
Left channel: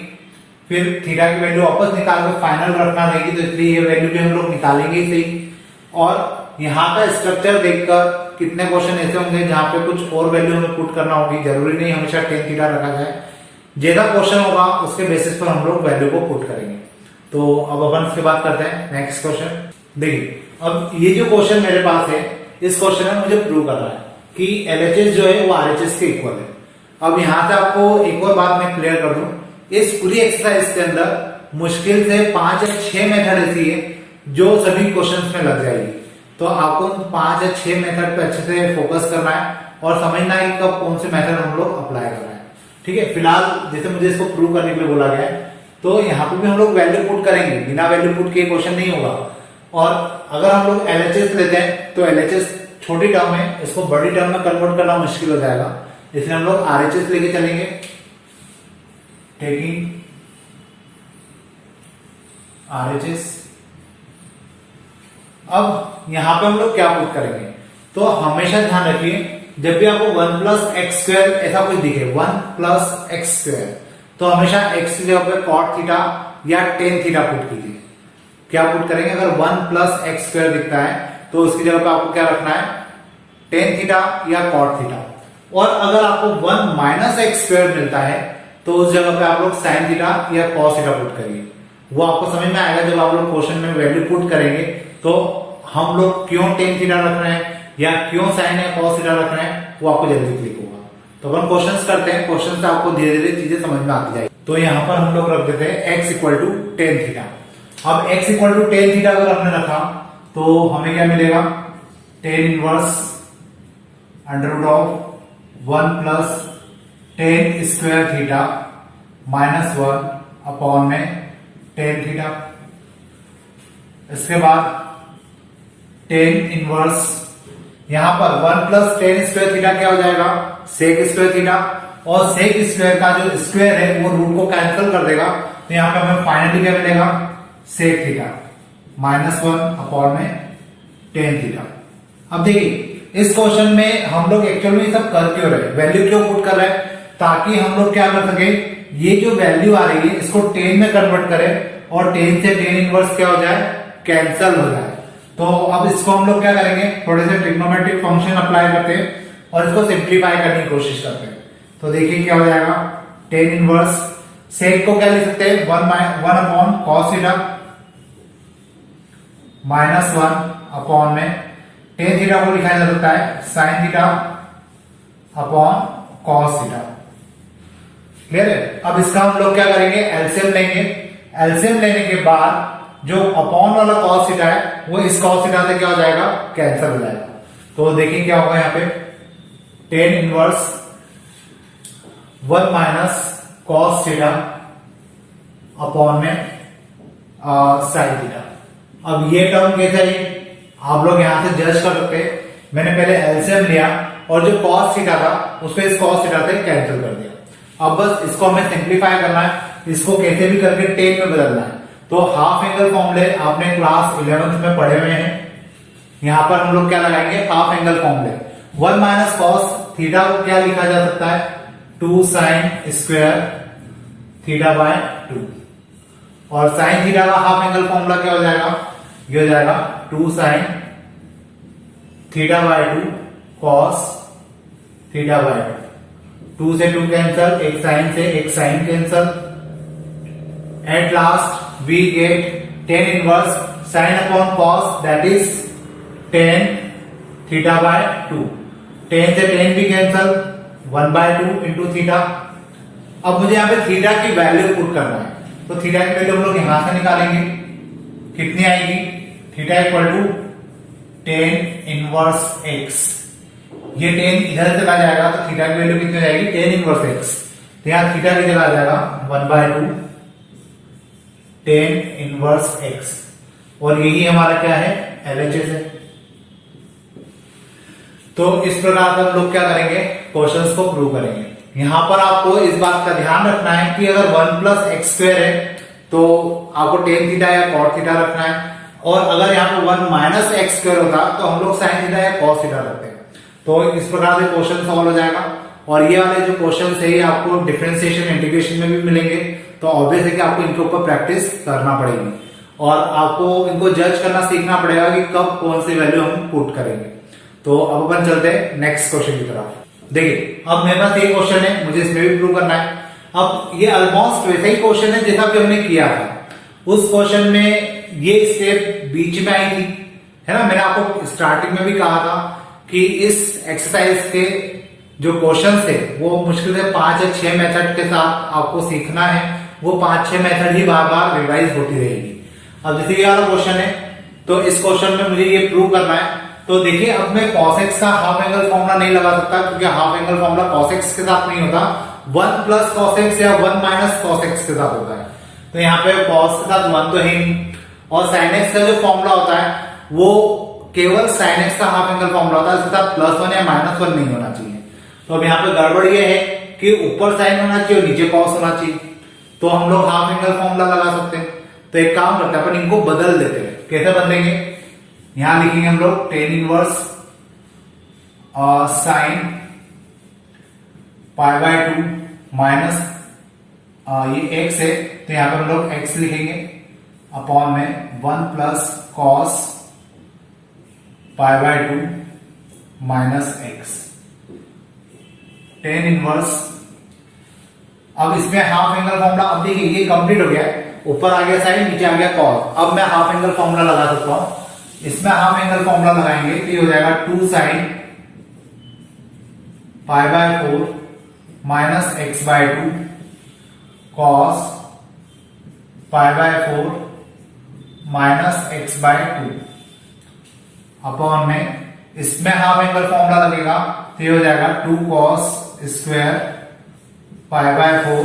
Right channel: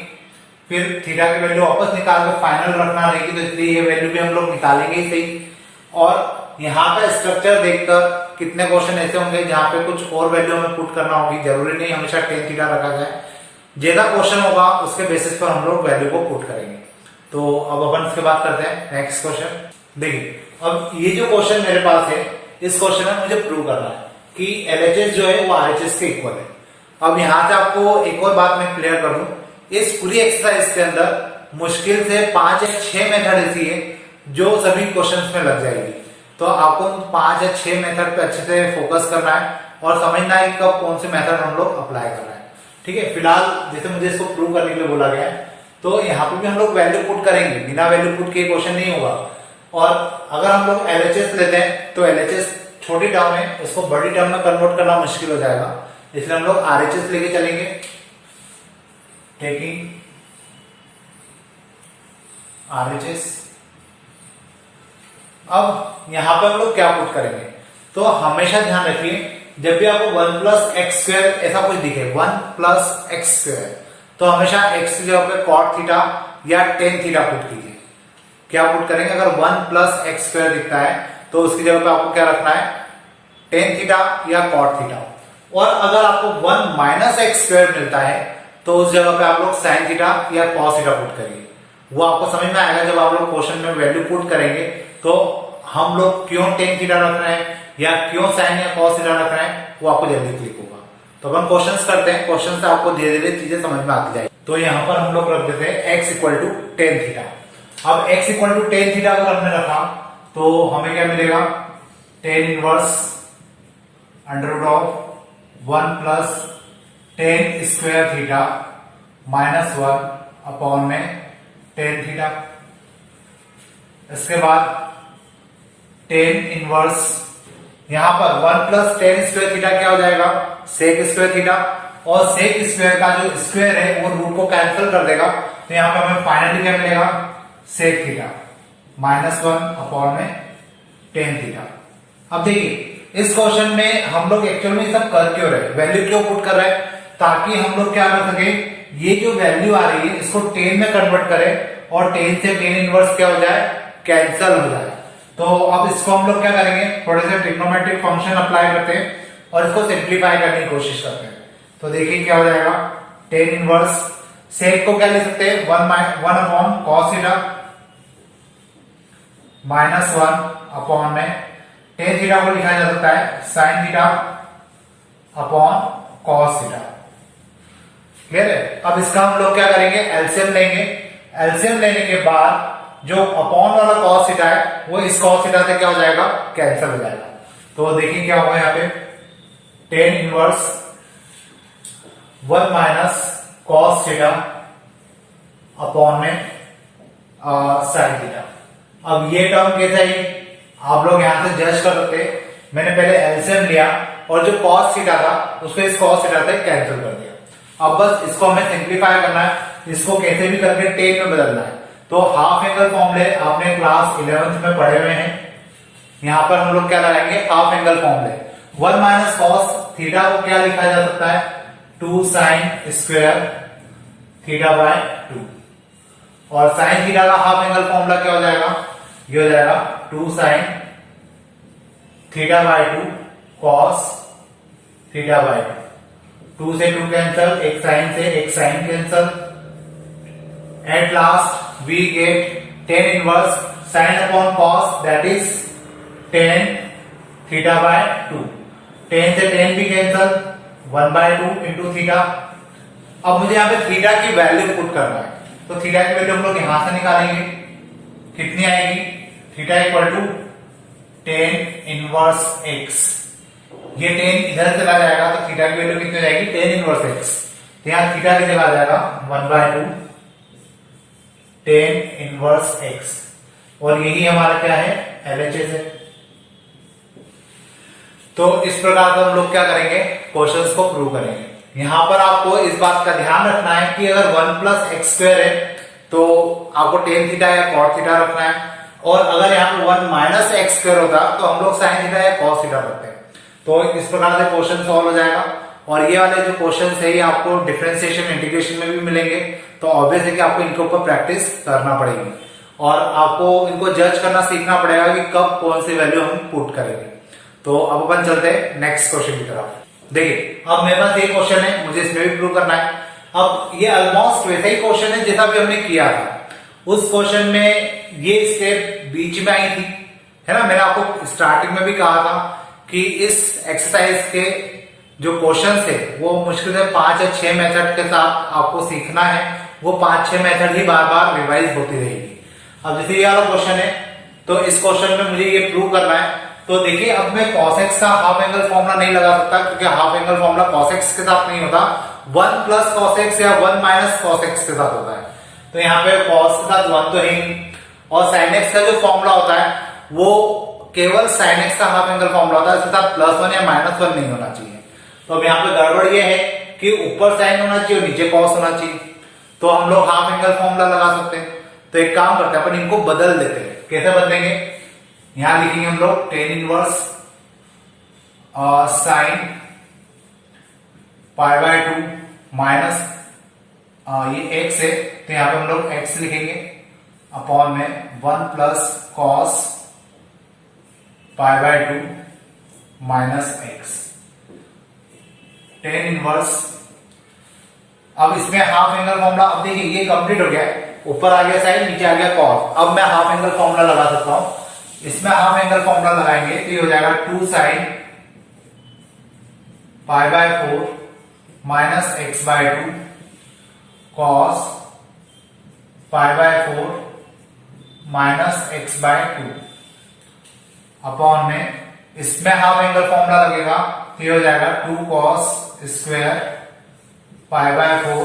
फिर थीटा की वैल्यू वापस निकाल कर फाइनल रखना रहेगी, तो इसलिए ये वैल्यू भी हम लोग निकालेंगे ही सही। और यहाँ का स्ट्रक्चर देखकर कितने क्वेश्चन ऐसे होंगे जहां पे कुछ और वैल्यू हमें पुट करना होगी, जरूरी नहीं हमेशा टेन थीटा रखा जाए। ज्यादा क्वेश्चन होगा उसके बेसिस पर हम लोग वैल्यू को पुट करेंगे। तो अब अपन इसके बाद करते हैं नेक्स्ट क्वेश्चन। देखिए अब ये जो क्वेश्चन मेरे पास है, इस क्वेश्चन में मुझे प्रूव करना है कि एलएचएस जो है वो आरएचएस के इक्वल है। अब यहां से आपको एक और बात मैं क्लियर कर दूं, इस पूरी एक्सरसाइज के अंदर मुश्किल से 5 या 6 मेथड ऐसी है जो सभी क्वेश्चंस में लग जाएगी। तो आपको 5 या 6 मेथड पे अच्छे से फोकस करना है और समझना है कब कौन से मेथड हम लोग अप्लाई कर रहे हैं। ठीक है, फिलहाल जैसे मुझे इसको प्रूव करने के लिए बोला गया है तो यहाँ पे भी हम लोग वैल्यू पुट करेंगे, बिना वैल्यू पुट के क्वेश्चन नहीं होगा। और अगर हम लोग एलएचएस लेते हैं तो एलएचएस छोटी टर्म है, इसको बड़ी टर्म में कन्वर्ट करना मुश्किल हो जाएगा, इसलिए हम लोग आरएचएस लेके चलेंगे। टेकिंग आरएचएस, अब यहां पे हम लोग क्या पुट करेंगे, तो हमेशा ध्यान रखिए जब भी आपको 1 प्लस एक्स स्क्वायर ऐसा कुछ दिखे, 1 प्लस एक्स स्क्वायर, तो हमेशा एक्स की जगह पे कॉट थीटा या टेन थीटा पुट कीजिए। क्या पुट करेंगे, अगर 1 प्लस एक्स स्क्वायर दिखता है तो उसकी जगह पे आपको क्या रखना है, टेन थीटा या कॉट थीटा। और अगर आपको 1 माइनस एक्स स्क्वायर मिलता है तो उस जगह पे आप लोग साइन थीटा या कॉस थीटा पुट करिए। वो आपको समझ में आएगा जब आप लोग क्वेश्चन में वैल्यू पुट करेंगे तो हम लोग क्यों टेन थीटा रख रहे हैं या क्यों साइन या कॉस थीटा रख रहे हैं वो आपको जल्दी क्लिक होगा। तो अपन क्वेश्चन करते हैं, क्वेश्चन से आपको धीरे धीरे चीजें समझ में आती जाएगी। तो यहाँ पर हम लोग रख देते हैं X equal to tan theta. अब X equal to tan theta अगर हमने रखा तो हमें क्या मिलेगा, tan inverse under root of 1 plus tan square theta minus 1 upon में टेन थीटा। इसके बाद टेन इनवर्स, यहां पर 1 प्लस टेन स्क्वायर थीटा क्या हो जाएगा, सेक स्क्वायर थीटा, और सेक स्क्वायर का जो स्क्वायर है वो रूट को कैंसिल कर देगा, तो यहां पर हमें फाइनली क्या मिलेगा, सेक थीटा माइनस 1 अपॉन में टेन थीटा। अब देखिए इस क्वेश्चन में हम लोग एक्चुअल में सब कर क्यों रहे, वैल्यू क्यों पुट कर रहे हैं, ताकि हम लोग क्या कर सके, ये जो वैल्यू आ रही है इसको टेन में कन्वर्ट करें और टेन से टेन इनवर्स क्या हो जाए, कैंसल हो जाए। तो अब इसको हम लोग क्या करेंगे, थोड़े से ट्रिग्नोमेट्रिक फंक्शन अप्लाई करते हैं और इसको सिंप्लीफाई करने की कोशिश करते हैं। तो देखिए क्या हो जाएगा, टेन इनवर्स, सेक को क्या ले सकते हैं, 1 upon cos theta minus 1 upon में टेन थीटा को लिखा जा सकता है sine theta upon cos theta. Clear है। अब इसका हम लोग क्या करेंगे, एलसीएम लेंगे। एलसीएम लेने के बाद जो अपॉन वाला cos थीटा है वो इस cos थीटा से क्या हो जाएगा, कैंसिल हो जाएगा। तो देखिए क्या होगा यहाँ पे, tan inverse 1 minus cos theta upon में sin थीटा। अब ये टर्म कैसे आई, आप लोग यहां से जज कर सकते हैं। मैंने पहले एलसीएम लिया और जो cos थीटा था उसको इस cos थीटा से कैंसिल कर दिया। अब बस इसको हमें सिंप्लीफाई करना है, इसको कैसे भी करके टेन में बदलना है। तो हाफ एंगल फॉर्मूले आपने क्लास 11th में पढ़े हुए हैं, यहां पर हम लोग क्या लगाएंगे, हाफ एंगल फॉर्मूले। 1 माइनस कॉस थीटा को क्या लिखा जा सकता है, 2 साइन स्क्वायर थीटा बाय 2, और साइन थीटा का हाफ एंगल फॉर्मूला क्या हो जाएगा, ये हो जाएगा 2 sine theta by 2 cos theta by 2। 2 से 2 कैंसल, एक साइन से एक sine cancel. At last we get tan inverse sine upon cos, that is tan theta by 2। tan से tan भी कैंसल, 1 बाय 2 इंटू थीटा। अब मुझे यहाँ पे थीटा की वैल्यू पुट करना है, तो थीटा की वैल्यू हम लोग यहां से निकालेंगे, कितनी आएगी, theta equal to tan inverse x। ये tan इधर चला जाएगा तो थीटा की वैल्यू कितनी जाएगी, tan इनवर्स x। तो यहां थीटा की जगह आ जाएगा 1 बाय 2 tan इनवर्स x, और यही हमारा क्या है, LHS है। तो इस प्रकार का हम लोग क्या करेंगे, क्वेश्चंस को प्रूव करेंगे। यहां पर आपको इस बात का ध्यान रखना है कि अगर 1 प्लस एक्स स्क्वायर है तो आपको tan थीटा या cot थीटा रखना है, और अगर यहाँ पे 1 माइनस एक्स स्क्वायर होता तो हम लोग sin थीटा या cos थीटा रखते हैं। तो इस प्रकार से क्वेश्चन सॉल्व हो जाएगा। और ये वाले जो क्वेश्चन है ये आपको डिफरेंशिएशन इंटीग्रेशन में भी मिलेंगे, तो ऑब्वियस है कि आपको इनके ऊपर प्रैक्टिस करना पड़ेगी और आपको इनको जज करना सीखना पड़ेगा कि कब कौन सी वैल्यू हम पुट करेंगे। तो अब अपन चलते हैं नेक्स्ट क्वेश्चन की तरफ। देखिए अब मेरे पास ये क्वेश्चन है, मुझे इसमें भी प्रूव करना है। अब ये ऑलमोस्ट वैसा ही क्वेश्चन है जैसा कि हमने किया था। उस क्वेश्चन में ये स्टेप बीच में आई थी, है ना। मैंने आपको स्टार्टिंग में भी कहा था कि इस एक्सरसाइज के जो क्वेश्चन थे वो मुश्किल से 5 या 6 मेथड के साथ आपको सीखना है। वो 5-6 मेथड ही बार बार रिवाइज होती रहेगी। अब जैसे ये वाला क्वेश्चन है, तो इस क्वेश्चन में मुझे ये प्रूव करना है। तो देखिए अब मैं cos x का हाफ एंगल फॉर्मूला नहीं लगा सकता, क्योंकि half angle formula cos x के साथ नहीं होता, 1 प्लस cos x या 1 माइनस cos x के साथ होता है। तो यहाँ पे cos के साथ 1 तो है ही, और sin x का जो फॉर्मूला होता है वो केवल sin x का हाफ एंगल फॉर्मूला होता है, इसके साथ +1 या -1 नहीं होना चाहिए। तो अब यहाँ पे गड़बड़ ये है कि ऊपर साइन होना चाहिए और नीचे cos होना चाहिए। तो हम लोग हाफ एंगल फॉर्मूला लगा सकते हैं। तो एक काम करते हैं, अपन इनको बदल देते हैं। कैसे बदलेंगे, यहां लिखेंगे हम लोग tan inverse sine pi bye 2 minus ये x है, तो यहां पर हम लोग x लिखेंगे अपॉन में 1 plus cos pi bye 2 minus x tan inverse. अब इसमें हाफ एंगल फॉर्मूला, अब देखिए ये कंप्लीट हो गया, ऊपर आ गया साइन, नीचे आ गया कॉस। अब मैं हाफ एंगल फॉर्मूला लगा सकता हूं। इसमें हाफ एंगल फॉर्मूला लगाएंगे तो ये हो जाएगा 2 sine pi by 4 minus x by 2 cos pi by 4 minus x by 2 upon में, इसमें हाफ एंगल फॉर्मूला लगेगा तो ये हो जाएगा 2 cos square pi by 4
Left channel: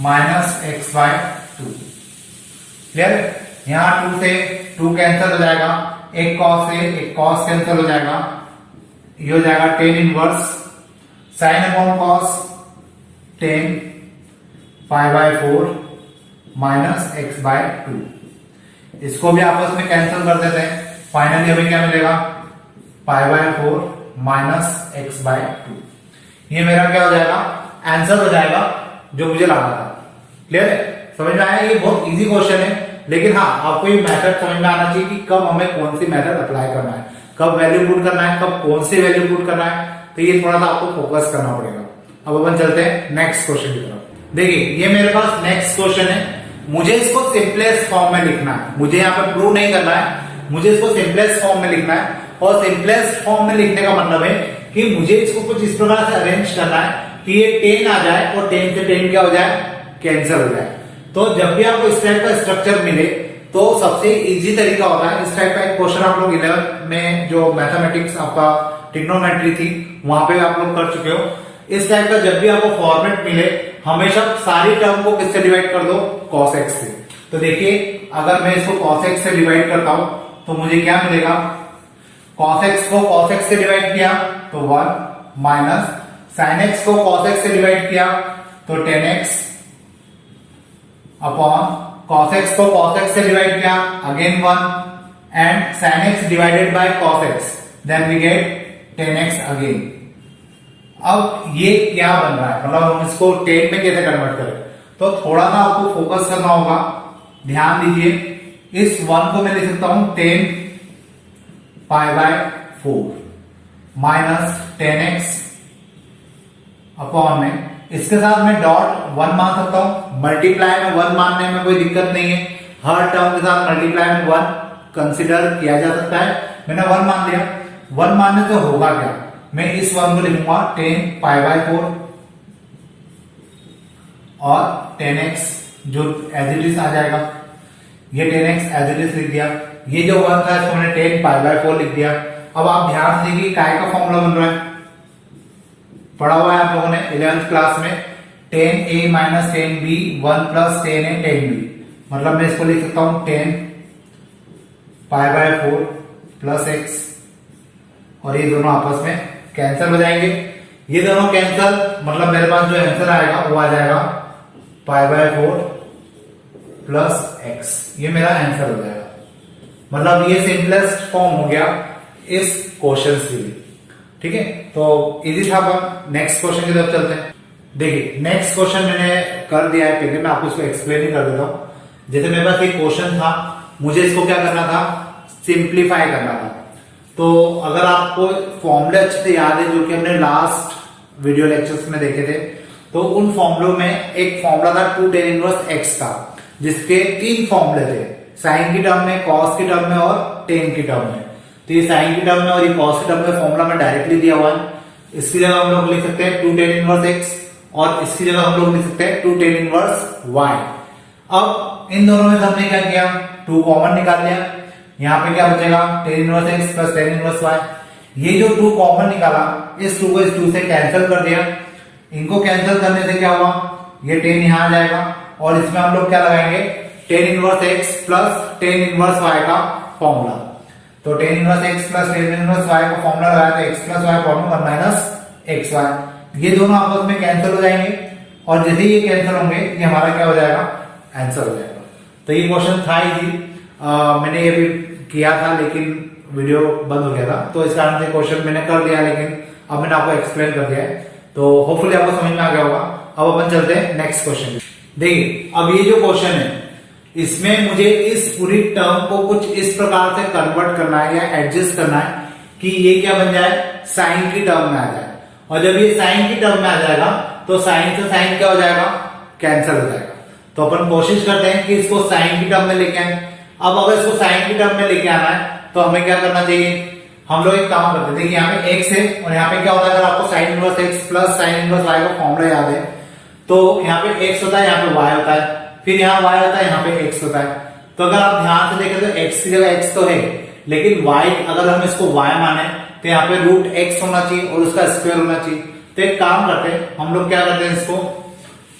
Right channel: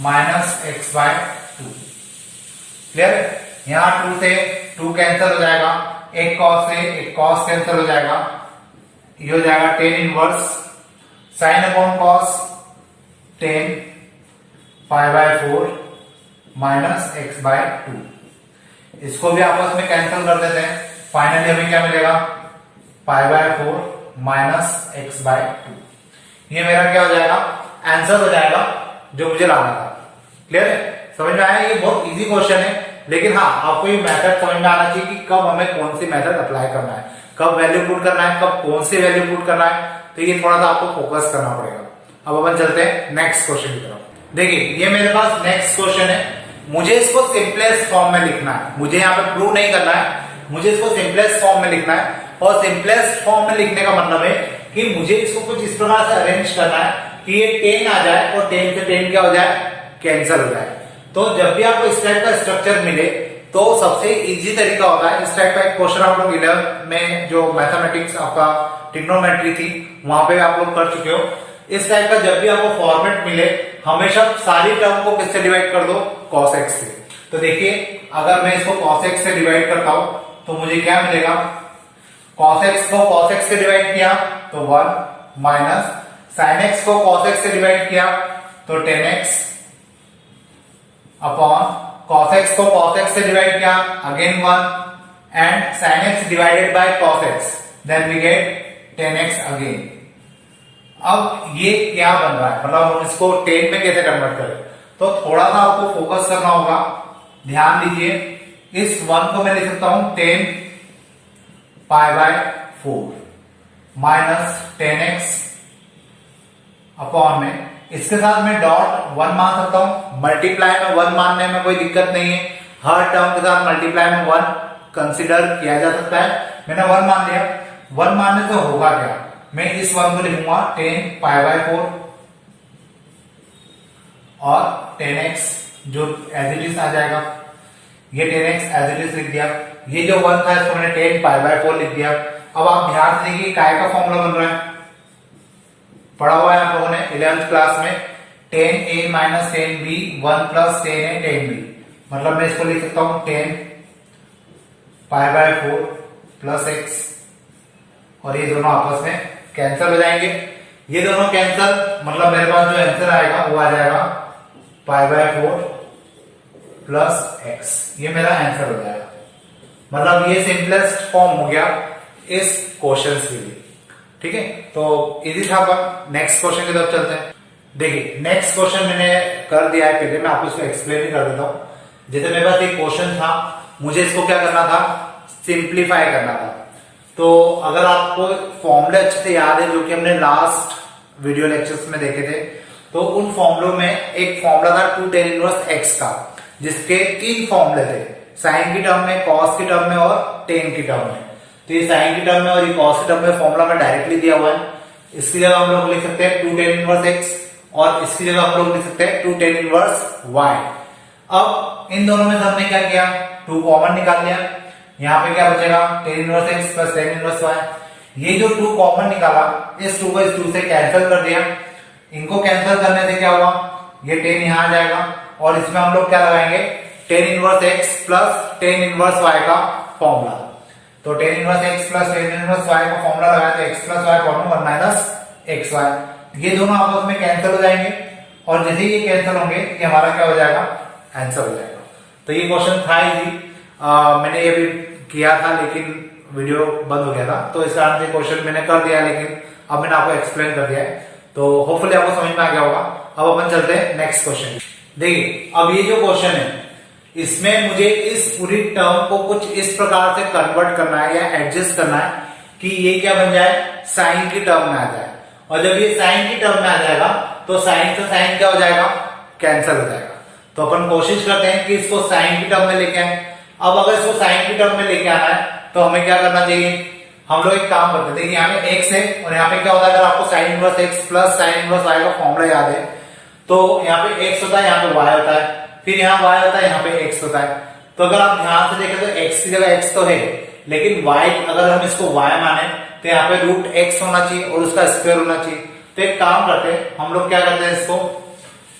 minus x by 2। Clear है। यहां 2 से 2 कैंसिल हो जाएगा, एक कॉस से एक कॉस कैंसिल हो जाएगा, ये हो जाएगा tan inverse sine upon cos tan pi by 4 minus x by 2। इसको भी आपस में कैंसिल कर देते हैं। फाइनली हमें क्या मिलेगा, pi by 4 minus x by 2। ये मेरा क्या हो जाएगा, आंसर हो जाएगा जो मुझे लाना था। क्लियर है, समझ में आया। ये बहुत इजी क्वेश्चन है, लेकिन हाँ आपको ये मेथड समझ में आना चाहिए कि कब हमें कौन सी मेथड अप्लाई करना है, कब वैल्यू पुट करना है, कब कौन सी वैल्यू पुट करना है। तो ये थोड़ा सा आपको फोकस करना पड़ेगा। अब अपन चलते हैं नेक्स्ट क्वेश्चन की तरफ। देखिए ये मेरे पास नेक्स्ट क्वेश्चन है, मुझे इसको सिंपलेस्ट फॉर्म में लिखना है। मुझे यहाँ पे प्रूव नहीं करना है, मुझे इसको सिंपलेस्ट फॉर्म में लिखना है। और सिंपलेस्ट फॉर्म में लिखने का मतलब है कि मुझे इसको कुछ इस प्रकार से अरेंज करना है कि ये tan आ जाए और tan से tan क्या हो जाए, कैंसिल हो जाए। तो जब भी आपको इस टाइप का स्ट्रक्चर मिले तो सबसे इजी तरीका होता है, इस टाइप का एक क्वेश्चन आप लोग 11 में जो मैथमेटिक्स आपका ट्रिग्नोमेट्री थी वहां पे आप लोग कर चुके हो। इस टाइप का जब भी आपको फॉर्मेट मिले हमेशा सारी टर्म को किससे डिवाइड कर दो, cos x से। तो देखिए अगर मैं इसको cos x से डिवाइड करता हूं तो मुझे क्या मिलेगा, cos x को cos x से डिवाइड किया तो 1 माइनस sin x को cos x से डिवाइड किया तो 10x अपॉन cos x को cos x से डिवाइड किया again 1 and sin x divided by cos x then we get 10x again. अब ये क्या बन रहा है, मतलब हम इसको 10 में कैसे कन्वर्ट करें, तो थोड़ा सा आपको फोकस करना होगा। ध्यान दीजिए, इस 1 को मैं लिख सकता हूं 10 पाई बाय 4 माइनस 10x अपॉन में, इसके साथ मैं डॉट 1 मान सकता हूं। मल्टीप्लाई में 1 मानने में कोई दिक्कत नहीं है, हर टर्म के साथ मल्टीप्लाई में 1 कंसिडर किया जा सकता है। मैंने 1 मान लिया, 1 मानने से होगा क्या, मैं इस 1 को लिखूंगा 10 पाई बाय 4 और 10x जो एज इट इज आ जाएगा, ये 10x एज इट इज लिख दिया। ये जो 1 था इसको मैंने 10 पाई बाय 4 लिख दिया। अब आप ध्यान से देखिए काय का फॉर्मूला बन रहा है, पढ़ा हुआ है आप लोगों ने 11th क्लास में, 10a minus 10b 1 plus 10a 10b, मतलब मैं इसको लिख सकता हूं 10 पाई बाय 4 प्लस x, और ये दोनों आपस में कैंसिल हो जाएंगे। ये दोनों कैंसिल मतलब मेरे पास जो आंसर आएगा वो आ जाएगा पाई बाय 4 प्लस x, ये मेरा आंसर हो जाएगा। मतलब ये सिंपलेस्ट फॉर्म हो गया इस क्वेश्चन के लिए। ठीक है, तो इजी था। अपन नेक्स्ट क्वेश्चन की तरफ चलते हैं। देखिए नेक्स्ट क्वेश्चन मैंने कर दिया है, पहले मैं आपको इसको एक्सप्लेन ही कर देता हूं। जैसे मेरे पास एक क्वेश्चन था, मुझे इसको क्या करना था, सिंप्लीफाई करना था। तो अगर आपको फॉर्मूले अच्छे से याद है जो कि हमने लास्ट वीडियो लेक्चर्स में देखे थे, तो उन फॉर्मूलों में एक फॉर्मूला था 2 tan इनवर्स x का, जिसके 3 फॉर्मूले थे, साइन की टर्म में, कॉस की टर्म में और टेन की टर्म में। तो ये साइन की टर्म में और ये कॉस की टर्म में फॉर्मूला में डायरेक्टली दिया हुआ है। इसकी जगह हम लोग लिख सकते हैं 2 tan इनवर्स x और इसकी जगह हम लोग लिख सकते हैं 2 tan इनवर्स y। अब इन दोनों में हमने क्या किया, 2 कॉमन निकाल लिया। यहाँ पे क्या बचेगा, tan inverse x plus tan inverse y। ये जो 2 कॉमन निकाला, इस 2 को इस 2 से कैंसिल कर दिया। इनको कैंसिल करने से क्या हुआ, ये tan यहाँ आ जाएगा और इसमें हम लोग क्या लगाएंगे, tan inverse x plus tan inverse y का फॉर्मूला। तो tan inverse x plus tan inverse y का फॉर्मूला लगाया तो x plus y formula 1 minus xy, ये दोनों आपस में कैंसिल हो जाएंगे और यदि ये कैंसिल होंगे ये हमारा क्या हो जाएगा, आंसर हो जाएगा। तो ये क्वेश्चन था इजी, मैंने ये भी किया था लेकिन वीडियो बंद हो गया था, तो इस कारण से क्वेश्चन मैंने कर दिया, लेकिन अब मैंने आपको एक्सप्लेन कर दिया है, तो होपफुली आपको समझ में आ गया होगा। अब अपन चलते हैं नेक्स्ट क्वेश्चन। देखिए अब ये जो क्वेश्चन है, इसमें मुझे इस पूरी टर्म को कुछ इस प्रकार से कन्वर्ट करना है या एडजस्ट करना है कि ये क्या बन जाए, साइन की टर्म में आ जाए। और जब ये साइन की टर्म में आ जाएगा तो साइन से साइन क्या हो जाएगा, कैंसिल हो जाएगा। तो अपन कोशिश करते हैं कि इसको साइन की टर्म में लेके आए। अब अगर इसको साइन की टर्म में लेके आना है तो हमें क्या करना चाहिए, हम लोग एक काम करते हैं। देखिए यहाँ पे x है और यहाँ पे क्या होता है, अगर आपको sign inverse x plus sine inverse y का फॉर्मूला याद है तो यहाँ पे x होता है, यहाँ पे y होता है, फिर यहाँ y होता है, यहाँ पे x होता है। तो अगर आप ध्यान से देखें तो x की जगह x तो है, लेकिन y अगर हम इसको y माने तो यहाँ पे रूट x होना चाहिए और उसका स्क्वायर होना चाहिए। तो एक काम करते हैं, हम लोग क्या करते हैं,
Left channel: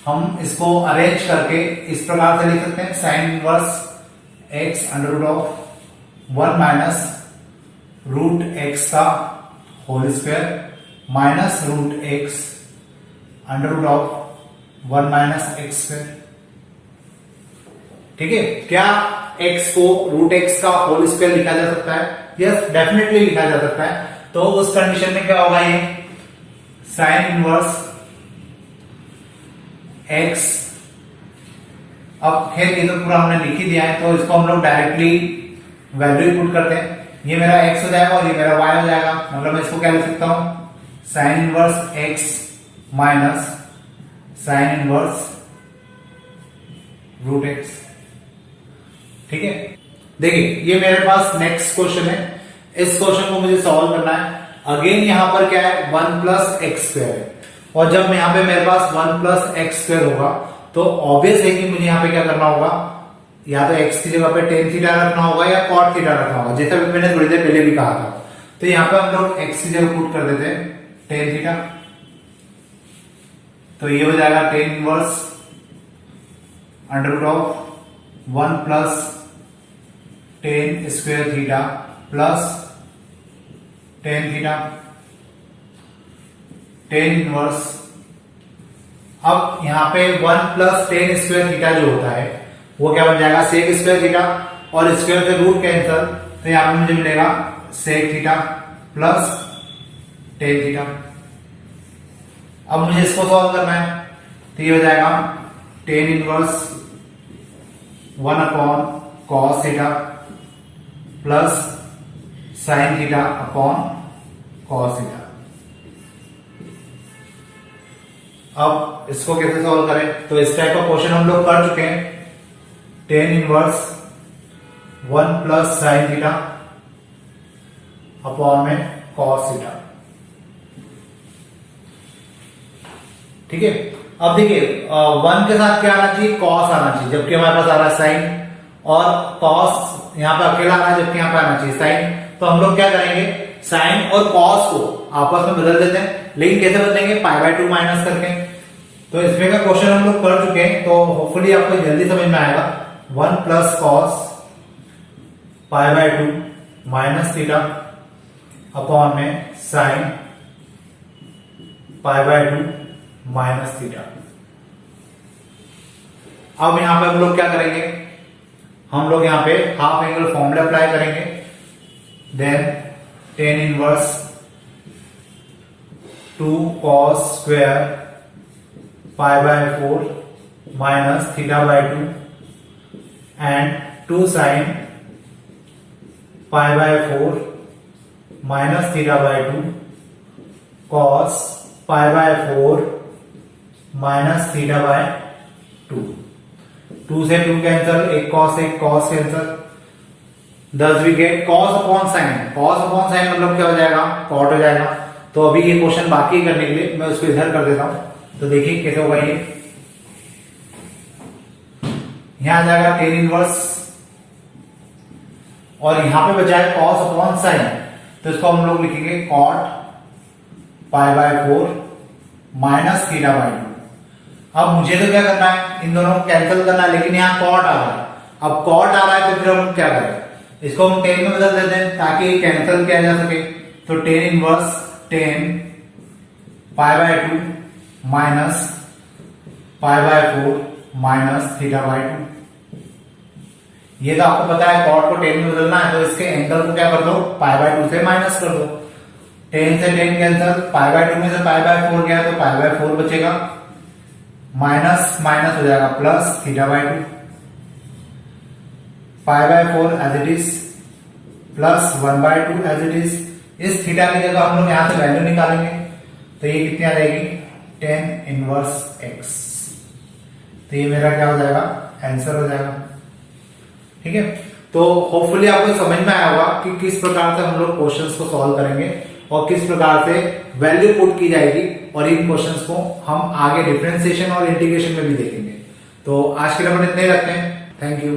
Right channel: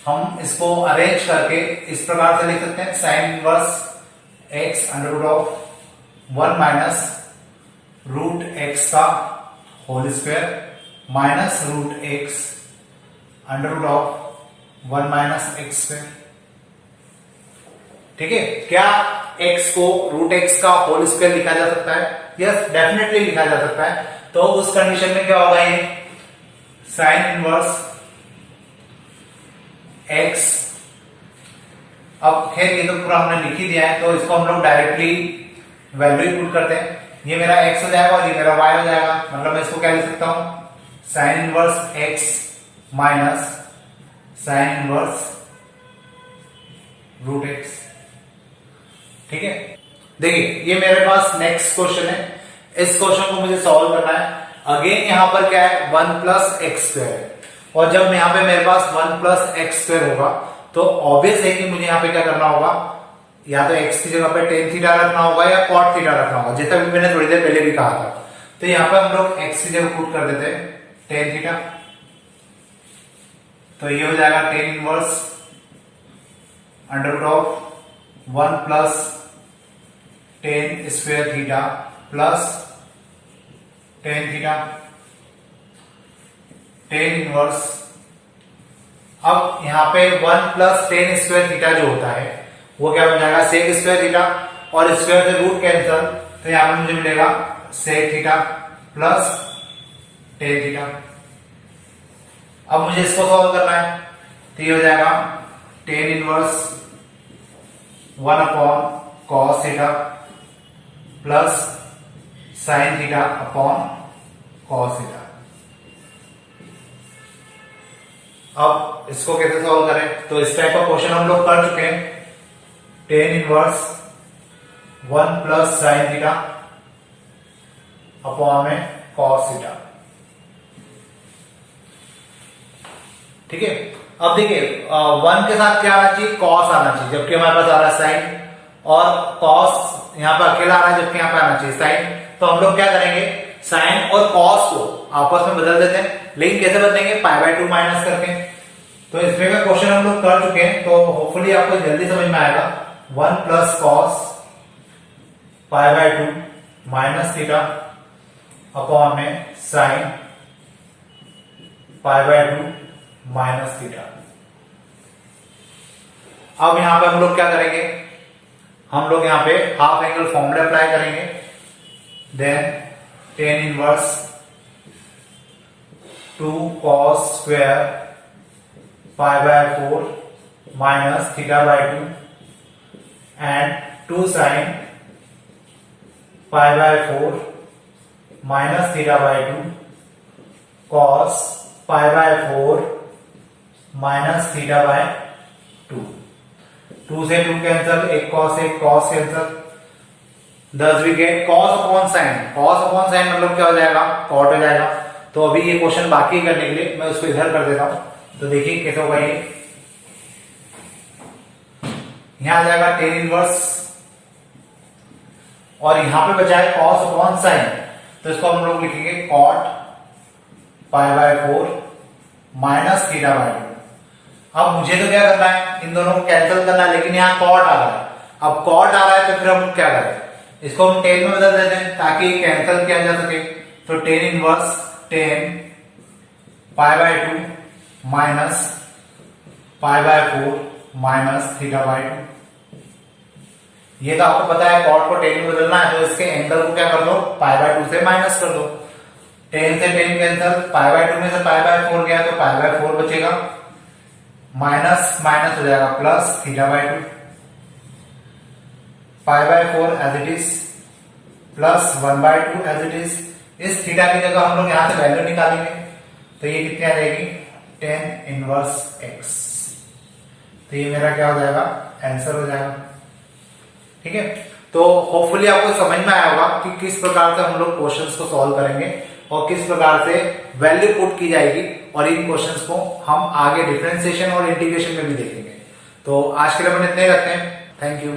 हम इसको अरेंज करके इस प्रकार से लिख सकते हैं, sine inverse x under root of 1 minus root x का whole square minus root x under root of 1 minus x square. ठीक है, क्या x को रूट x का होल स्क्वायर लिखा जा सकता है? यस, डेफिनेटली लिखा जा सकता है। तो उस कंडीशन में क्या होगा, ये साइन इनवर्स x, अब खैर ये तो पूरा हमने लिख ही दिया है तो इसको हम लोग डायरेक्टली वैल्यू पुट करते हैं। ये मेरा x हो जाएगा और ये मेरा y हो जाएगा, मतलब मैं इसको क्या लिख सकता हूं, sine inverse x minus sine inverse root x। ठीक है, देखिए ये मेरे पास नेक्स्ट क्वेश्चन है, इस क्वेश्चन को मुझे सॉल्व करना है। अगेन यहां पर क्या है, 1 प्लस एक्स स्क्वायर है, और जब यहां पे मेरे पास 1 प्लस एक्स स्क्वायर होगा तो ऑब्वियस है कि मुझे यहां पे क्या करना होगा, या तो x की जगह पे टेन थीटा रखना होगा या कॉट थीटा रखना होगा, जैसा भी मैंने थोड़ी देर पहले भी कहा था। तो यहाँ पे हम लोग x की जगह पुट कर देते हैं टेन थीटा, तो ये हो जाएगा tan inverse under root of 1 plus tan square theta plus tan theta, tan inverse. अब यहाँ पे 1 प्लस टेन स्क्वायर थीटा जो होता है वो क्या बन जाएगा, सेक स्क्वायर थीटा, और स्क्वायर से रूट कैंसल, तो यहाँ पे मुझे मिलेगा sec theta plus tan theta. अब मुझे इसको सॉल्व करना है, तो ये हो जाएगा tan inverse 1 upon cos theta plus sine theta upon cos theta. अब इसको कैसे सॉल्व करें, तो इस टाइप का क्वेश्चन हम लोग कर चुके हैं। Tan inverse 1 plus sine theta upon में कॉस थीटा, ठीक है। अब देखिए 1 के साथ क्या आना चाहिए, कॉस आना चाहिए, जबकि हमारे पास आ रहा है साइन, और कॉस यहाँ पर अकेला आ रहा है जबकि यहाँ पे आना चाहिए साइन। तो हम लोग क्या करेंगे, साइन और कॉस को आपस में बदल देते हैं, लेकिन कैसे बदलेंगे, π/2 माइनस करके। तो इसमें का क्वेश्चन हम लोग कर चुके हैं, तो होपफुली आपको जल्दी समझ में आएगा। 1 plus cos π/2 minus theta upon में साइन π/2 माइनस थीटा। अब यहां पे हम लोग क्या करेंगे, हम लोग यहां पे हाफ एंगल फॉर्मूला अप्लाई करेंगे। Then tan inverse 2 cos square π/4 minus theta and 2 sine π/4 minus theta cos π/4 minus theta. 2 से 2 कैंसल, एक cos cancel, thus we get cos upon sine. Cos upon sine मतलब क्या हो जाएगा, कॉट हो जाएगा। तो अभी ये क्वेश्चन बाकी करने के लिए मैं उसको इधर कर देता हूं, तो देखिए कैसे होगा ये। यहां आ जाएगा टेन इनवर्स, और यहां पे बचा है कॉस अपॉन साइन, तो इसको हम लोग लिखेंगे कॉट π/4 माइनस थीटा/2। अब मुझे तो क्या करना है, इन दोनों को कैंसिल करना है, लेकिन यहाँ कॉट आ रहा है। अब कॉट आ रहा है तो फिर हम क्या करें, इसको हम टेन में बदल देते हैं ताकि कैंसिल किया जा सके। तो टेन इनवर्स 10 π/2 माइनस π/4 माइनस थीटा/2। ये तो आपको पता है कॉट को 10 में बदलना है, तो इसके एंगल को क्या कर दो, π/2 से माइनस कर दो। 10 से 10 कैंसिल, π/2 में से π/4 गया तो π/4 बचेगा, माइनस माइनस हो जाएगा plus theta. π/4 as it is plus 1/2 as it is. इस थीटा की जगह हम लोग यहां से वैल्यू निकालेंगे, तो ये कितनी आ जाएगी, 10 इनवर्स x। तो ये मेरा क्या हो जाएगा, आंसर हो जाएगा, ठीक है। तो होपफुली आपको समझ में आया होगा कि किस प्रकार से हम लोग क्वेश्चंस को सॉल्व करेंगे और किस प्रकार से वैल्यू पुट की जाएगी, और इन क्वेश्चंस को हम आगे डिफरेंशिएशन और इंटीग्रेशन में भी देखेंगे। तो आज के लिए अपन इतने ही रखते हैं। Thank you.